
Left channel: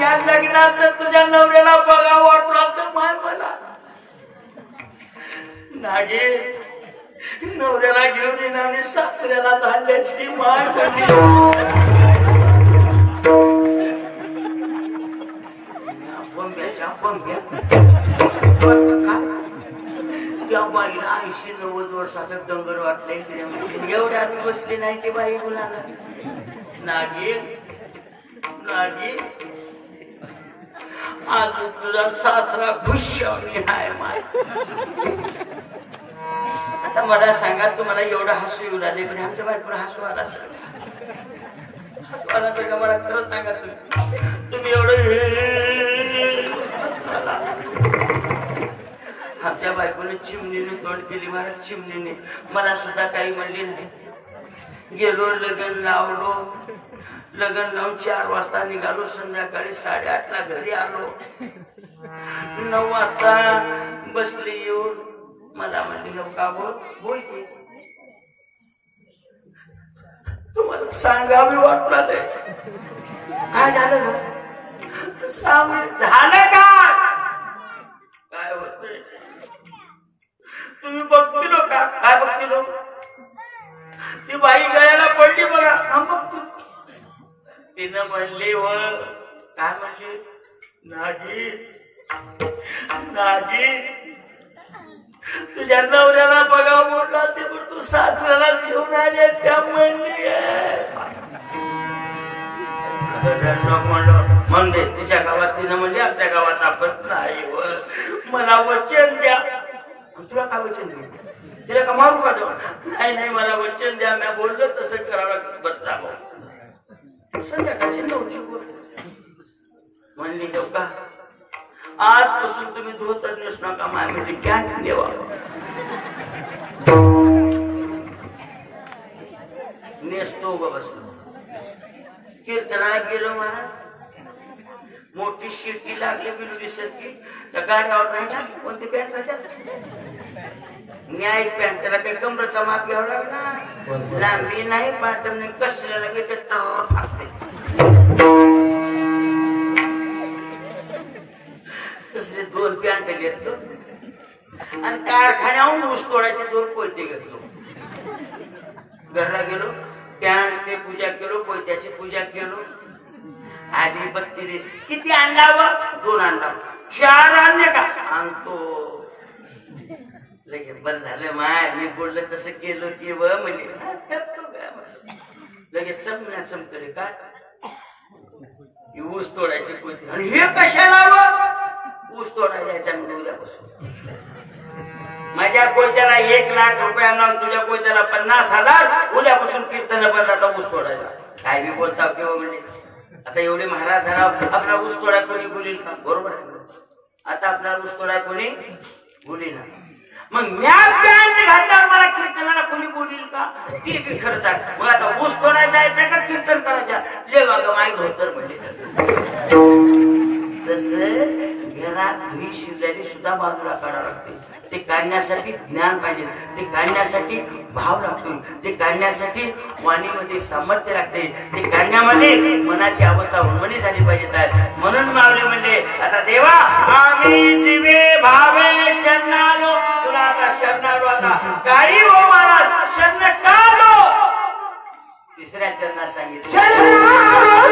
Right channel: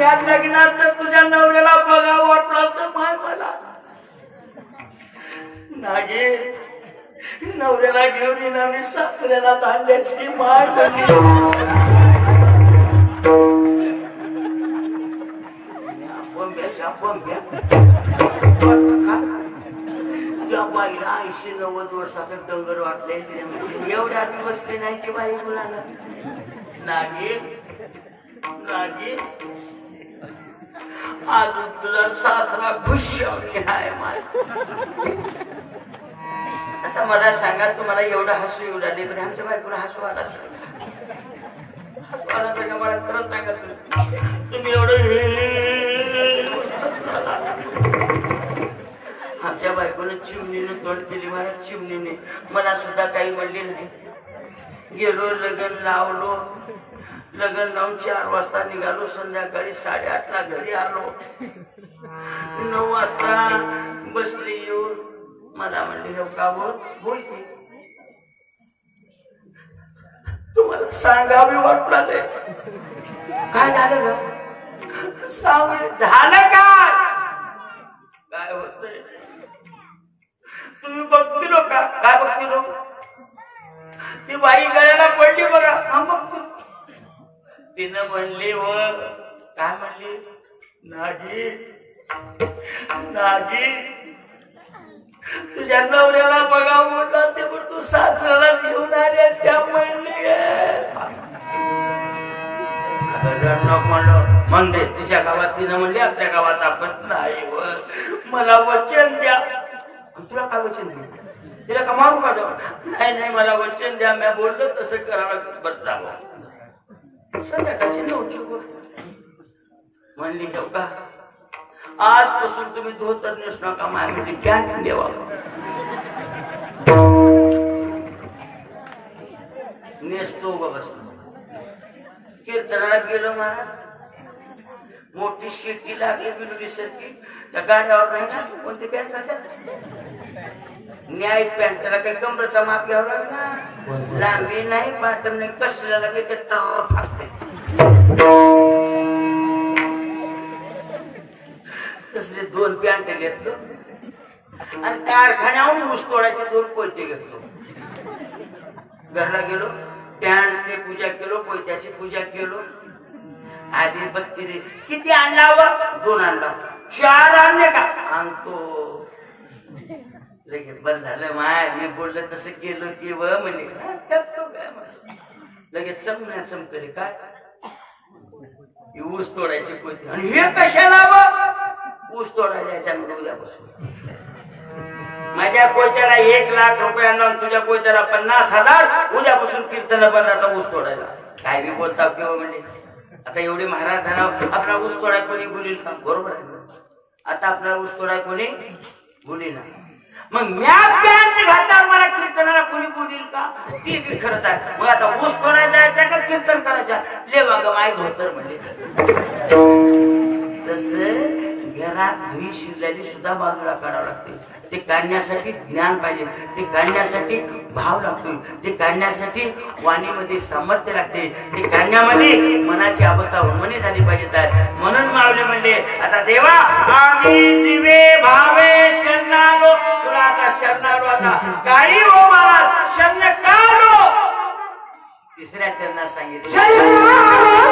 या लग्नात तर तुझ्या नवऱ्याला बघा वाटला तर माय मला नागिन नवऱ्याला घेऊन येणारी सासऱ्याला चालल्याची माय म्हणली त्या बाईला 80-90 वर्षाचं डोंगर वाटले एवढ्या आम्ही बसली नाही ते बाई मुलांना नागिन आज तुझा सासरा खुशावली आहे माय आता मला सांगा तुम्हाला एवढा हसू येऊ लागले पण आमच्या बायकोला हसू आला असेल हसू आला तर मला खरंच सांगा तुम्ही एवढं आमच्या बायकोने चिमणीने तोंड केली मला चिमणीने मला सुद्धा काही म्हणली नाही गेलो लग्न लावून 4 वाजता निघालो संध्याकाळी 8:30ला घरी आलो 9 वाजता बसली येऊन मला म्हणली का बोल की तुम्हाला सांगावी वाटला काय झालं झालं काय होतंय तुम्ही बघतील का काय बघतील ती बाई गळ्याला पडली बघा हा बघतो तिनं म्हणली वर काय म्हणली नागिन तुझ्या नवऱ्याला बघा म्हटला ते पण तू सासऱ्याला घेऊन आल्यास का म्हणली म्हणलं मग तिच्या गावात तिनं म्हणली आपल्या गावात आपण नाही वर मला वचन द्या. तुला काय वचन द्या? तिला का मारू का? नाही नाही, मला वचन द्या, मी बोललो तसं करावं बदलावं. संध्याकाळची 9ची गोष्ट म्हणली, का आजपासून तुम्ही धोतर नेसू नका, मामी कॅन्टीन देवा. नेसतो बाबा. कीर्तनाला गेलो महाराज, मोठी शिर्की लागली बिलुली सारखी. त्या गाड्यावर नाही ना कोणती पॅन्ट न्याय पॅन्ट, त्याला काही कमरेचा माप घ्यावं लागला. लांबी नाही, पाटण नाही, कसल्या लागले ते टर फाटते. तसले 2 पॅन्ट घेतलो आणि कारखान्याहून ऊस तोडायचे 2 पोयते घेतलो. घरला गेलो, पॅन्ट ते पूजा केलो, पोयत्याची पूजा केलो. आली बघती रे, किती आणला व? 2 आणला. 4 आणले का? आणतो. लगेच बंद झालं. माय मी बोललं कसं केलं की व म्हणजे लगेच चमण्या चमकले. काय ऊस तोडायचे पोयते आणि हे कशाला व? ऊस तोडायला याच्यामध्ये उद्यापासून माझ्या कोयत्याला 1 लाख रुपयांना, तुझ्या कोयत्याला 50,000. उद्यापासून कीर्तन बंदाचा ऊस तोडायला. काय बी बोलता किंवा म्हणजे आता एवढे महाराज झाला, आपला ऊस तोडाय कोणी बोलील का? बरोबर आहे. आता आपल्याला ऊस तोडाय कोणी बोलील ना. मग म्या पॅन्ट घातल्यावर मला कीर्तनाला कोणी बोलील का? ते बी खरंच आहे. मग आता ऊस तोडायला जायचा का कीर्तन करायचा? लेवा ग माय धोतर म्हणजे. तसं घरात धुई शिरलेली सुद्धा बाजूला काढावं लागते. ते काढण्यासाठी ज्ञान पाहिजे, ते काढण्यासाठी भाव लागतो, ते काढण्यासाठी वाणीमध्ये सामर्थ्य लागते, ते काढण्यामध्ये मनाची अवस्था उन्मनी झाली पाहिजे. म्हणून मावले म्हणले, आता देवा आम्ही जीवे भावे शरणालो, तुला आता शरणालो. आता काही हो महाराज शरण कालो. 3ऱ्या चरणात सांगितलं,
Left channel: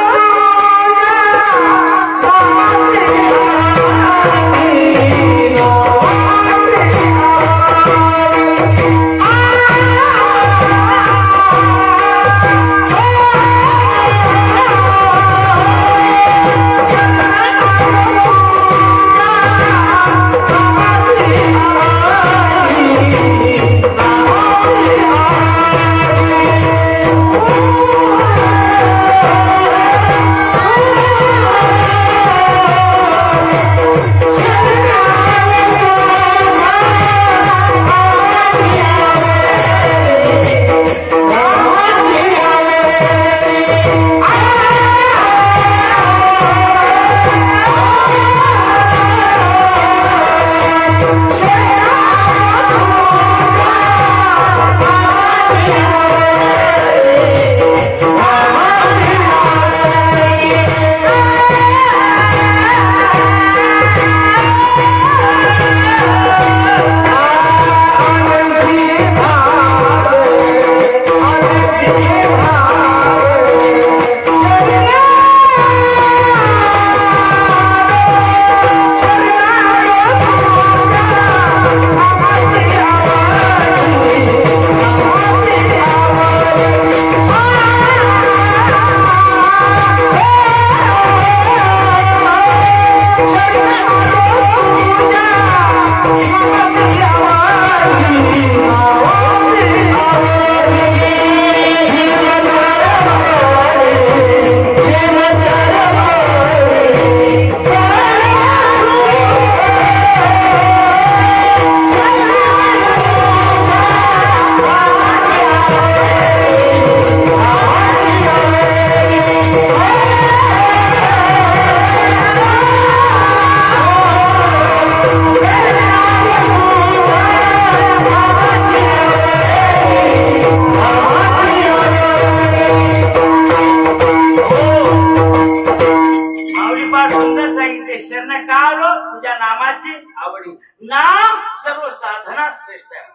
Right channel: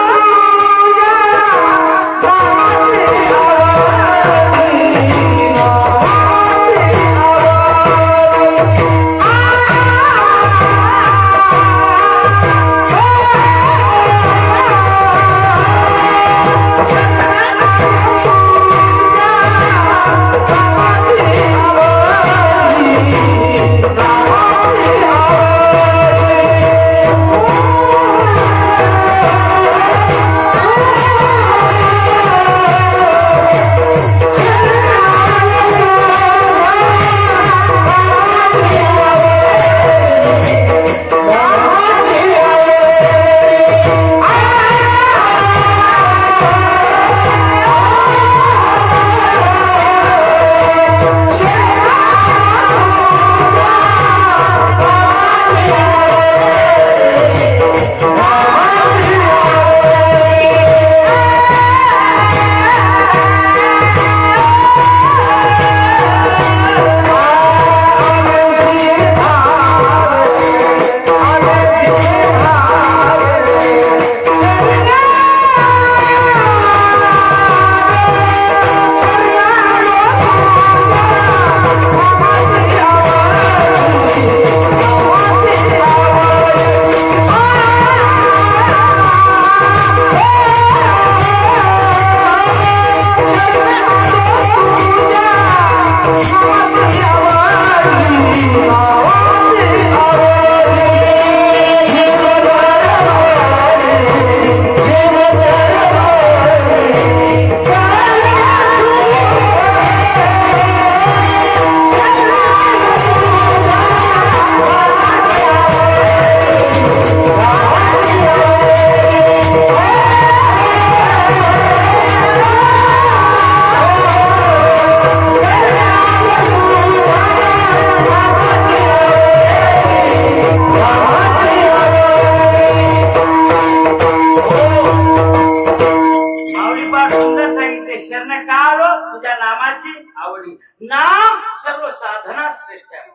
नाम सर्व साधना श्रेष्ठ आहे.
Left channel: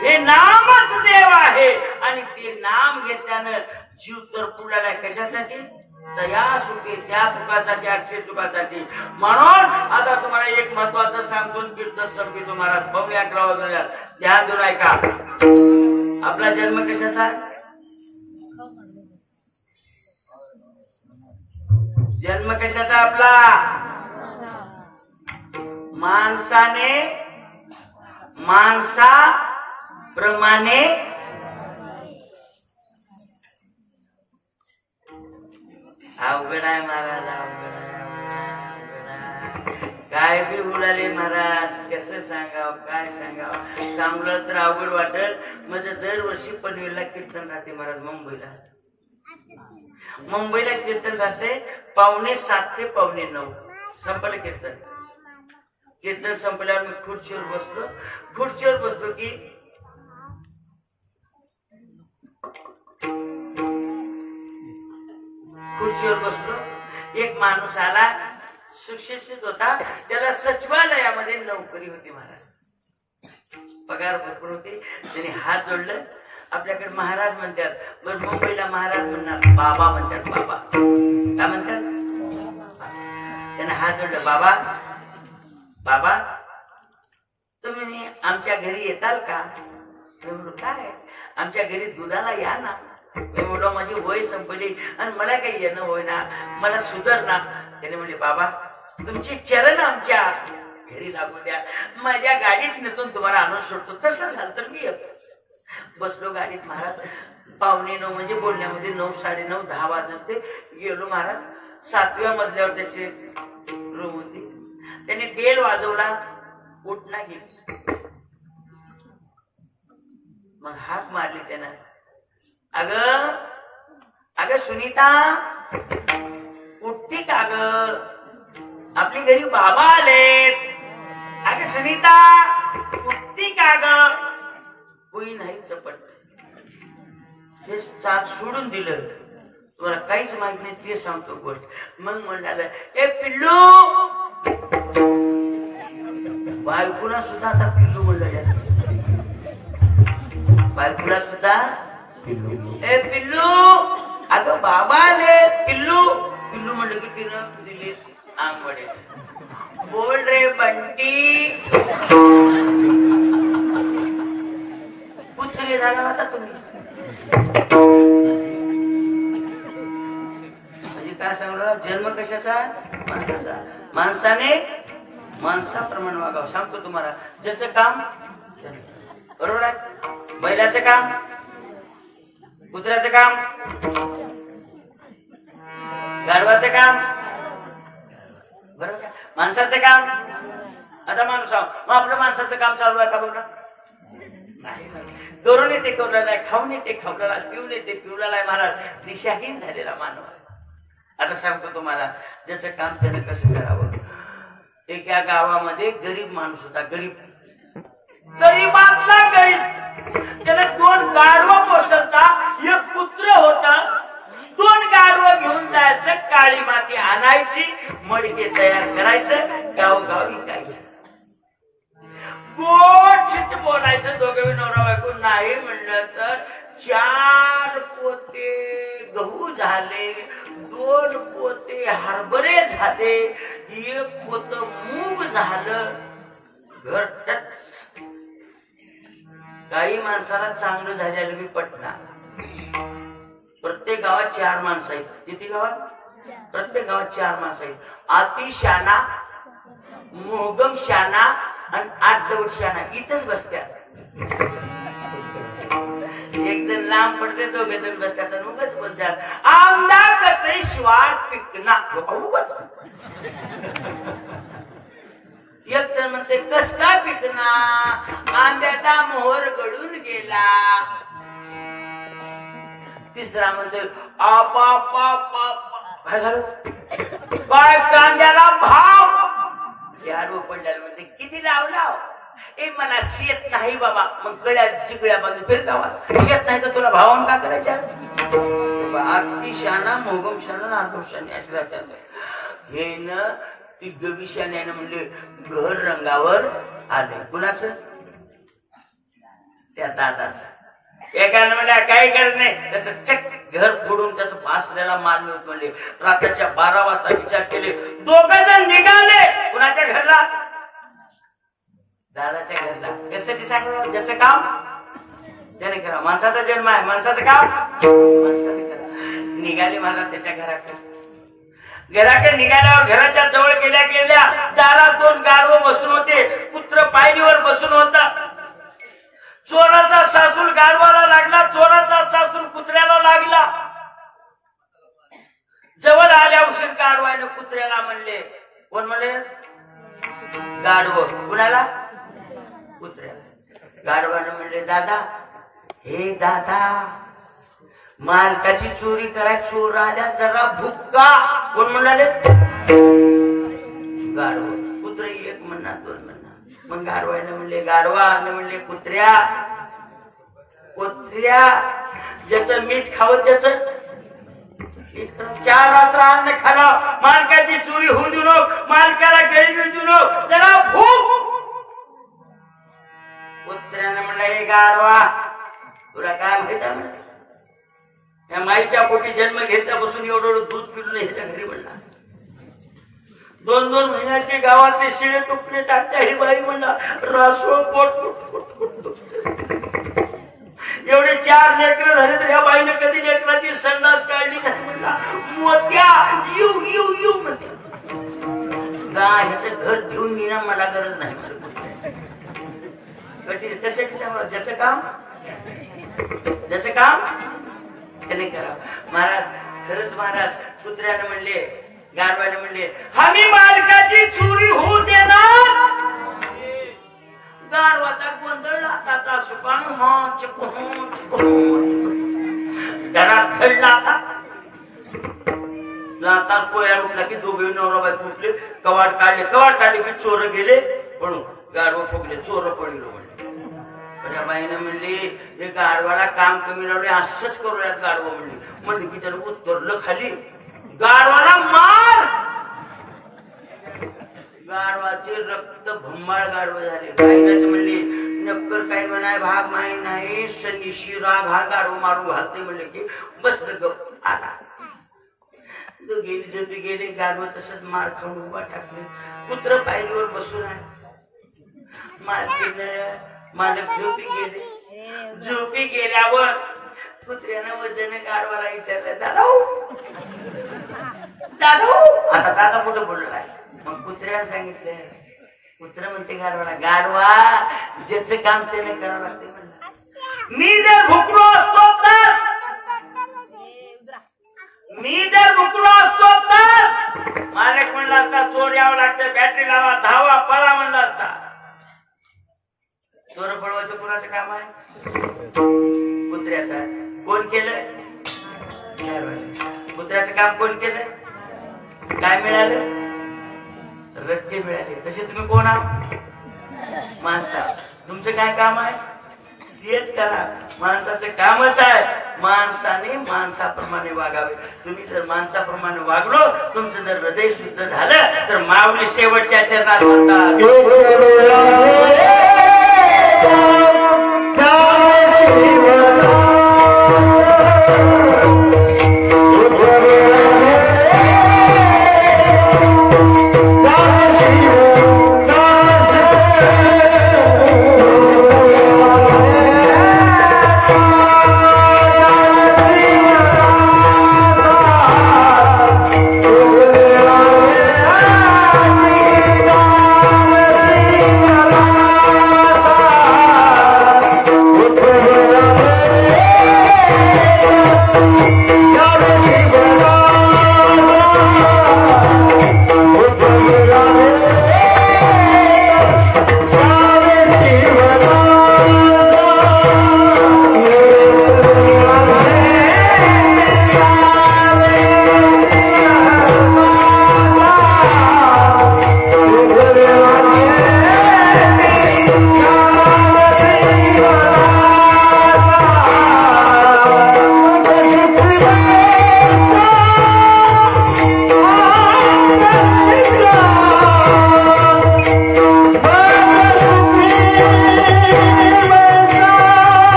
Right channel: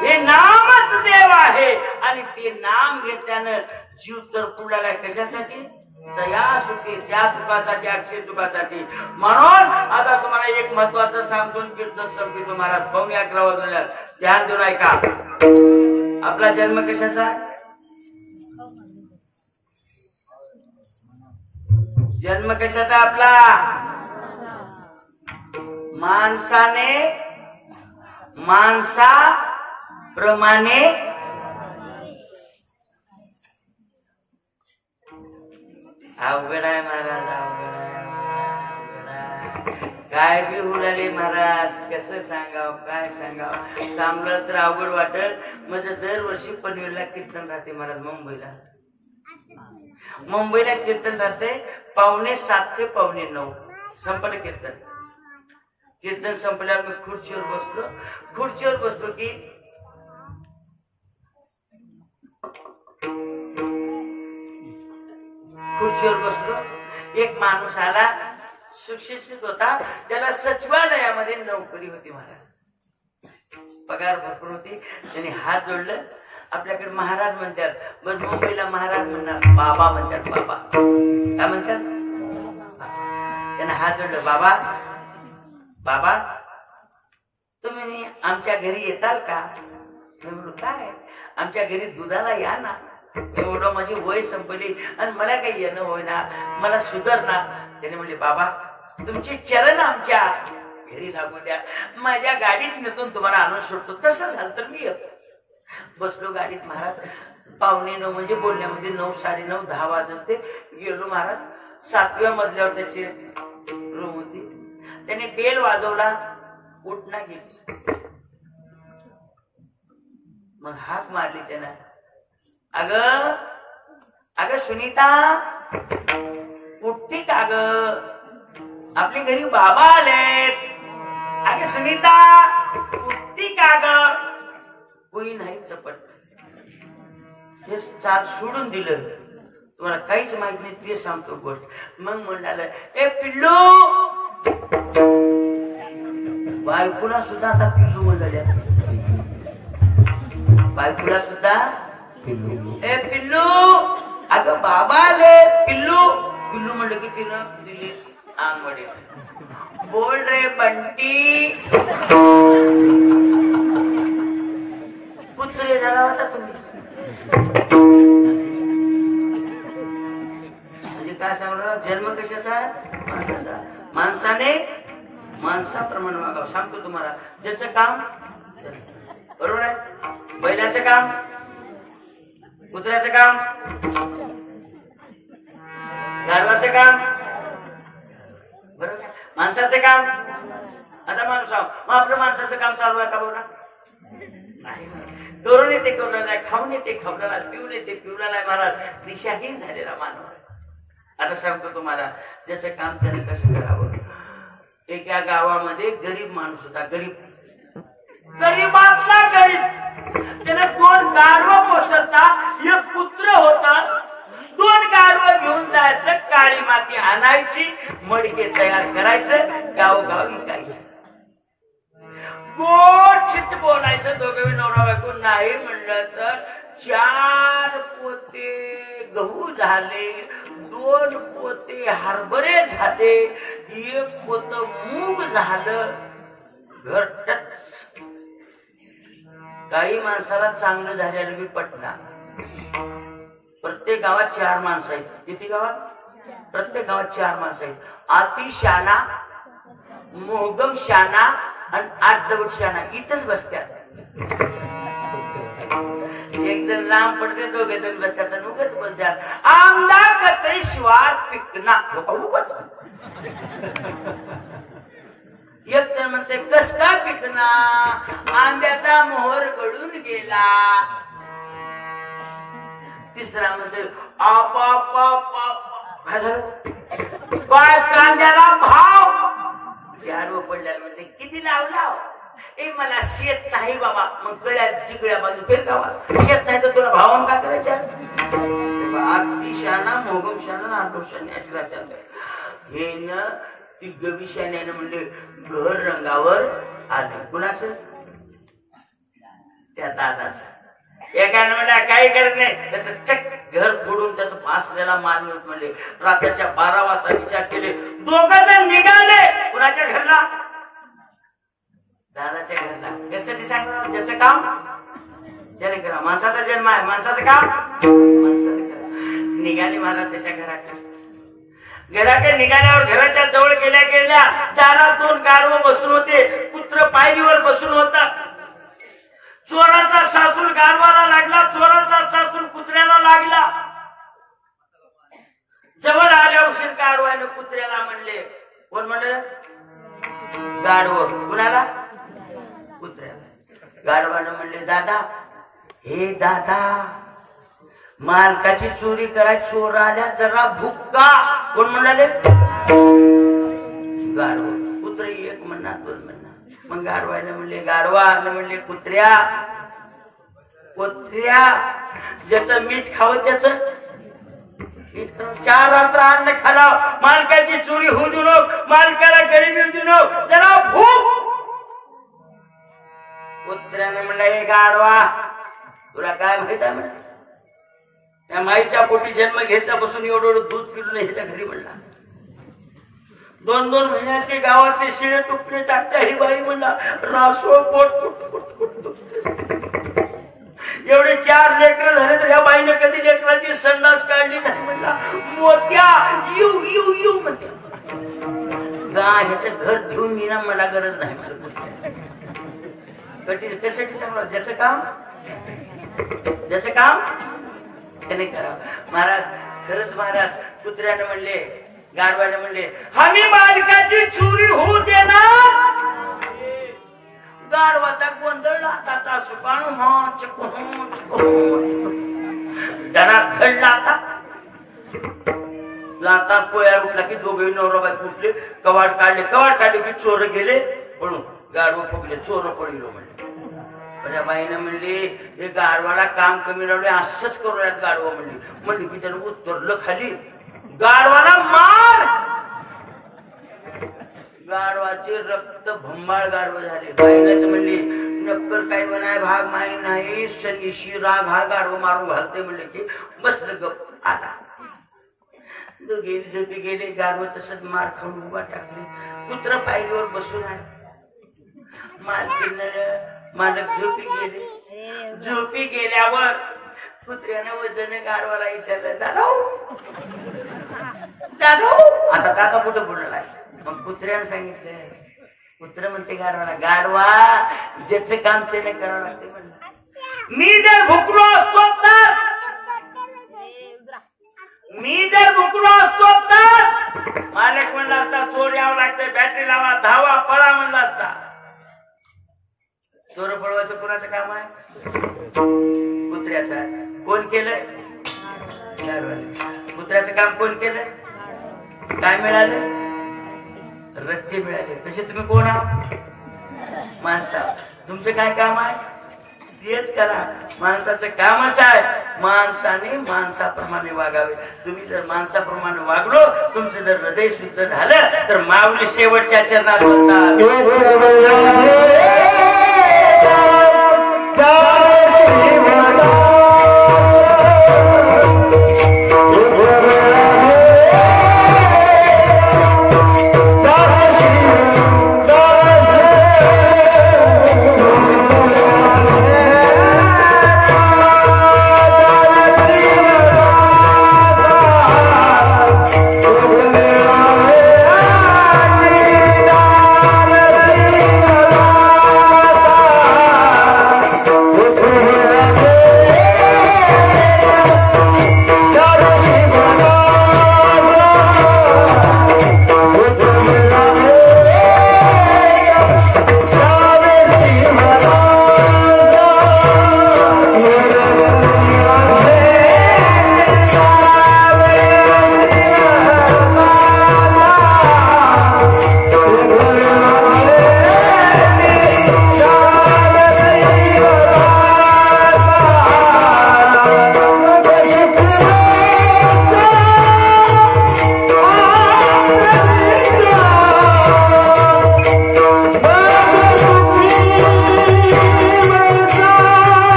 हे नामच देव आहे आणि ते नाम घेतल्यानं जीव तर पुढाला कशासाठी? त्या सुखी, त्या सुखासाठी, अक्षय सुखासाठी. म्हणून आता तुम्हाला एक महत्वाचं सांगतो, कीर्तन संपतो महाराज. पाहूया 11 वाजूया. ध्यान देऊन ऐका. आपला जन्म कशाचा? जन्म कशाचा आपला? माणसाने माणसाप्रमाणे अवघड आहे महाराज, अवघड आहे, अवघड आहे. काय बी उडाले महाराज, कसं सांगावं, काय सांगावं. सांगलं तर अवघड वाटत. माझं दरवर्षी पनवेलला कीर्तन राहते महाराज. मुंबईला कीर्तन राहते 7:45 ते 9:15 संपलं कीर्तन. कीर्तन संपल्यावर मी खुर्चीवर बसलो की एक माणूस आला, सुशिक्षित होता, त्याला सचिवालयामध्ये नोकरी होती महाराज, पगार भरपूर होती. त्याने हात जोडलं. आपल्याकडे महाराज म्हणतात, बरं मुंबईला महाराज म्हणणार बाबा म्हणतात. बाबा काय म्हणतात? त्याने हात जोडलं. बाबा बाबा तुम्ही आमच्या घरी येताल का? काय आमच्या घरी दुधाला या ना. एवढं माझी वय संपली आणि मला काही येणं होईना, मला सुधारणार. त्याने म्हणले बाबा तुमची चरण आमच्या घरी लागू द्या, माझ्या गाडीत नेतून तुम्हाला आणून सोडतो. तसं झालं तर मी येतो. बसलो गाडीत महाराज. 9:15 म्हणजे बोलण्यामध्ये 9, 9:30, 10 वाजते. गेलो महाराज. 7व्या मजल्यावर त्याची रूम होती. त्याने बेल वाजवला, उठ नाही. मग हाक मारली त्यानं. अग सुनीता उठती का ग? आपली घरी बाबा आलेत. अग सुनीता उठती का ग? कोणी नाही चपट. हे चार सोडून दिलं. तुम्हाला काहीच माहित नाही ते सांगतो गोष्ट. मग म्हणाल ए पिल्लू. बायकोला सुद्धा आता पिल्लू म्हणलं. बायकोला सुद्धा ए पिल्लू. अगं बाबा आले. पिल्लू पिल्लू म्हणलं की तिनं दिली आंबडे. बोल रे बंटी. पुत्र झाला होता तुम्ही. म्हणजे काय सांगलं? जन्म कशाचा? माणसाचा. माणसाने माणसाप्रमाणे वागावं. सांगतो तुम्हाला. ज्याचं काम बरोबर आहे. बैलाचं काम, कुत्र्याचं काम, गाढवाचं काम बरोबर. माणसाचं काम. आता माणूस आहो, मग आपलं माणसाचं काम चालू आहे का? बरोबर नाही. करून येते कवल्याला, खाऊन येते खावल्याला, पिऊन येते पिवल्याला. महाराज दिशाहीन झालेला मानव आहे. आता सांगतो तुम्हाला ज्याचं काम त्याने कसं करावं. एका गावामध्ये गरीब माणूस होता. गरीबातला गरीब. त्याने 2 गाढवं पोसलता, एक कुत्र होता. 2 गाढवं घेऊन जायचं, काळी माती आणायची, मडके तयार करायचं, गावगाव विकायचं. गोड चिट्ट बोलायचं. दोघे नवरा बायको. नाही म्हणलं तर 4 पोते गहू झाले, 2 पोते हरभरे झाले, 1 पोत मूग झालं. घरटच. काही माणसाला चांगलं झालेलं मी पटना. प्रत्येक गावात 4 माणसं आहेत. किती गावात? प्रत्येक गावात 4 माणसं आहेत. अतिशाना, मोहगम शाना आणि 8 दौड शाना इथंच बसत्यात. एक जण लांब पडते, 2 जण बसतात आणि उगाच बोलतात आमदार कतई शिवार पिकना. उगाच एक जण म्हणते कस काय पिकना? आंब्याचा मोहर गळून गेला. तिसरा म्हणते काय झालं? काय कांद्याला भाव? याडवं पडल्याला म्हणते किती लावला? ए मला शेत नाही बाबा. मग गळ्या चिगळ्या बाजू फिर गावात. शेत नाही तर तुला भावान का करायच्या? अति शाना, मोगम शाना, आदम शाना अशी राहतात. हे न ती गविशाने म्हणले घर रंगावर आलं. कुणाचं? त्या दादाचं. एकाने म्हणल्या काही करत नाही, त्याचं चक घर फोडून त्याचं पासलेला माल मिळत म्हणले. रात्रीच्या 12 वाजता विचार केले. 2 जण निघाले. कुणाच्या घरला? दादाच्या घरला. यासाठी सांगतो ज्याचं काम त्याने करा. माणसाचा जन्म आहे, माणसाचं काम माणसाने करा. निघाले महाराज त्याच्या घराकडे. घराकडे निघाल्यावर घराच्या जवळ गेल्या गेल्या दारात 2 गाढव बसून होते. कुत्र पायरीवर बसून होता. चोराचा सासूल गाढवाला लागला, चोराचा सासूल कुत्र्याला लागला. जवळ आल्या उशीर गाढवाने कुत्र्याला म्हणले, कोण म्हणले? गाढव. कुणाला? कुत्र्याला. गाढवानं म्हणले, दादा, हे दादा, मालकाची चोरी करा, चोर आल्या, जरा भुक्का. कोण म्हणाले? गाढव. कुत्र 1 म्हणणार 2 म्हणणार. मग गाढवाने म्हणले, गाढवाने म्हणले, कुत्र्या, कुत्र्या, ज्याचं मीठ खावं त्याचं 4 रात्र अन्न खाला, मालकाची चोरी होऊ देऊ नको, मालकाला घरी घेऊन देऊ नको, जरा भूक. कुत्र्याने म्हणलं, हे गाढवा, तुला काय माहित आहे? म्हणलं, या माईच्या पोटी जन्म घेतल्यापासून एवढं दूध पिलं नाही ह्याच्या घरी. म्हणला 2-2 महिन्याचे गावातले शिळे तुटणे टाकत्या ही बाई. म्हणला रासो पोट एवढे 4 लेकरं झाले तर ह्या बाईने कधी लेकराची संडास काढली नाही. म्हणला मोत्या येऊ येऊ येऊ म्हणते. गाय ह्याचं घर देऊन मी ना, मला गरज नाही. कशासाठी सांगा? ज्याचं काम त्याने करावं. महाराज, खरंच महाराज, कुत्र्याने म्हणले, गाढवाने म्हणले, आम्ही मालकाची चोरी होऊ देणार. गाढवाचा गोंधळ आता सुकान दरात थडला. आता लाता पोया उठला की दोघे नवरा बायको उठले, कवाड काढले की चोर गेले पळून. गाढव फुगले, चोर पळलो. त्या बाईने म्हणली, हे गाढवाला काम कमी राहिले, असंच करूयात. गाढव म्हणली की त्याला उतरलं खाली. गाढवाला मार. गाढवाचे रक्त भंबाळ गाढव झाले. बाईनच म्हणली, नक्कर काय म्हणाय भाग माही नाही, सनीशी राग हा गाढव मारून घालते. म्हणले की बसलं गप. आला दोघे झोपी गेले. गाढव तसंच मार खाऊन उभा टाकले. कुत्र पायरीवर बसून आहे. मालक झोपी गेले. झोपी गेल्यावर कुत्र्यानं वजन गाढवाला विचारलं, दादा, आता दादा कुठं बोलणार आहे? मग कुत्र्यानं सांगितलं. कुत्र म्हणते गाढवाला, गाढवा, ज्याचं काम त्याने करावं लागते. म्हणलं, मी जर भुकलो असतो तर मालक म्हणला असता, चोर यावं लागतं, बॅटरी लावा, धावा, पळा म्हणला असता. चोर पळवायचं कोणाचं काम आहे? कुत्र्याचं. कोण केलंय? कुत्र्याचं काम कोण केलंय? काय मिळालं? रट्टे मिळाले. तसे तुम्ही कोण आहात? माणसा. तुमचं काय काम आहे? तेच करा. माणसाचं कामच आहे माणसाने माणसाप्रमाणे वागावे. तुम्ही जर माणसाप्रमाणे वागलो, तुमचं जर हृदय शुद्ध झालं तर माऊली शेवटच्या चरणात म्हणतात,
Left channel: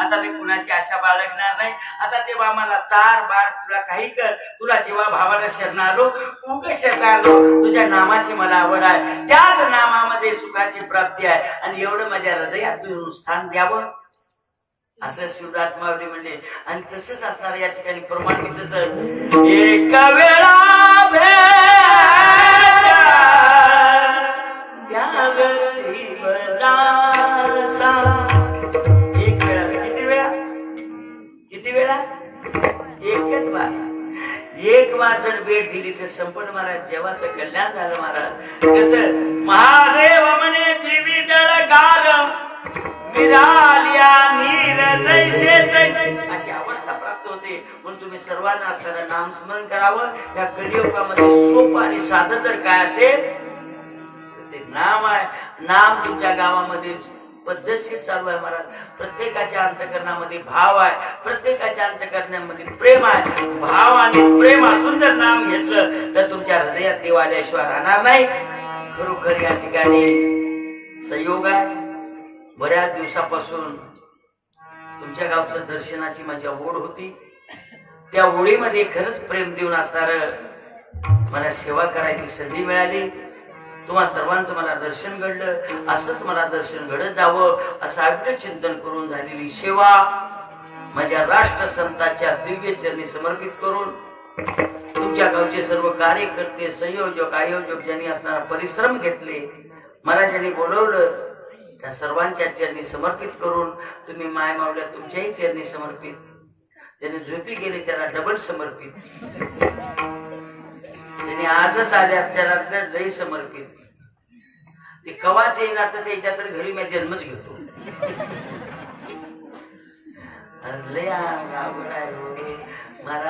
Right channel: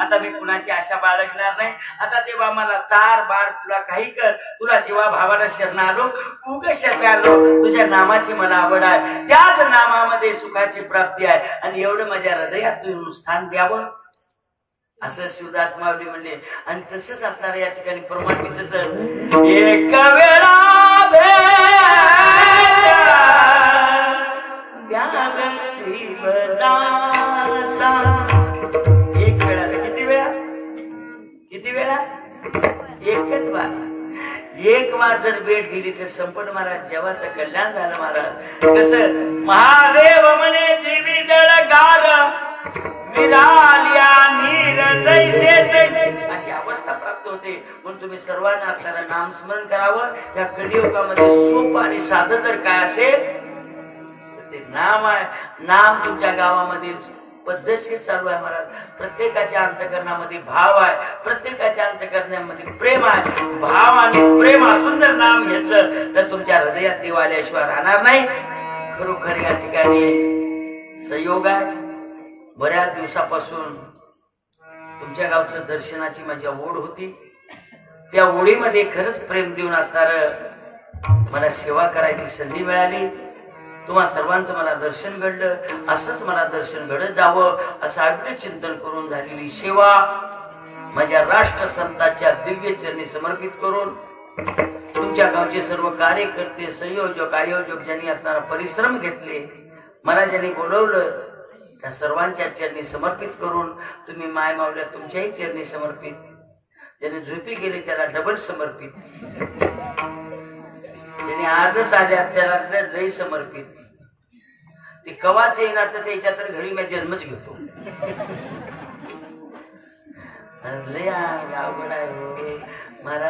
आता मी कुणाची आशा बाळगणार नाही. आता तेव्हा मला तार बार तुला काही कर, तुला जेव्हा भावाला शरणालो उग शरणालो, तुझ्या नामाची मला आवड आहे, त्याच नामामध्ये सुखाची प्राप्ती आहे आणि एवढं माझ्या हृदयात तू स्थान द्यावं असं शिवदास माऊली म्हणले. आणि तसंच असणार या ठिकाणी प्रमाण तसं एका वेळा किती वेळा एकच बार एक बार जर भेट दिली तर संपट महाराज जेव्हाचं कल्याण झालं. महाराज कसं महादेव म्हणे जीवी जळ गार मिळाल्या नीर जैसे अशी अवस्था प्राप्त होते. म्हणून तुम्ही सर्वांना असणारं नामस्मरण करावं. या कलियुगामध्ये सोपं आणि साधं तर काय असेल ते नाम आहे. नाम तुमच्या गावामध्ये पद्धतशीर चालू आहे महाराज. प्रत्येकाच्या अंतकरणामध्ये भाव आहे, प्रत्येकाच्या अंतकरणामध्ये प्रेम आहे. भाव आणि प्रेम असून जर नाम घेतलं तर तुमच्या हृदयात देव आल्याशिवाय राहणार नाही. खरोखर या ठिकाणी संयोग आहे. बऱ्याच दिवसापासून तुमच्या गावच्या दर्शनाची माझी ओढ होती. त्या ओढीमध्ये खरंच प्रेम देऊन असणार मला सेवा करायची संधी मिळाली. तुम्हा सर्वांचं मला दर्शन घडलं. असंच मला दर्शन घडत जावं असं अविरत चिंतन करून झालेली सेवा माझ्या राष्ट्रसंतांच्या दिव्य चरणी समर्पित करून तुमच्या गावचे सर्व कार्यकर्ते, संयोजक, आयोजक ज्यांनी असणारा परिश्रम घेतले, मला ज्यांनी बोलवलं त्या सर्वांच्या चरणी समर्पित करून तुम्ही माय मावल्या तुमच्याही चरणी समर्पित. ज्यांनी झोपी गेले त्याला डबल समर्पित. ज्यांनी आजच आले त्याला लई समर्पित. ते कवाच येणार तर त्याच्या तर घरी मी जन्मच घेतो. लय अवघड आहे महाराज.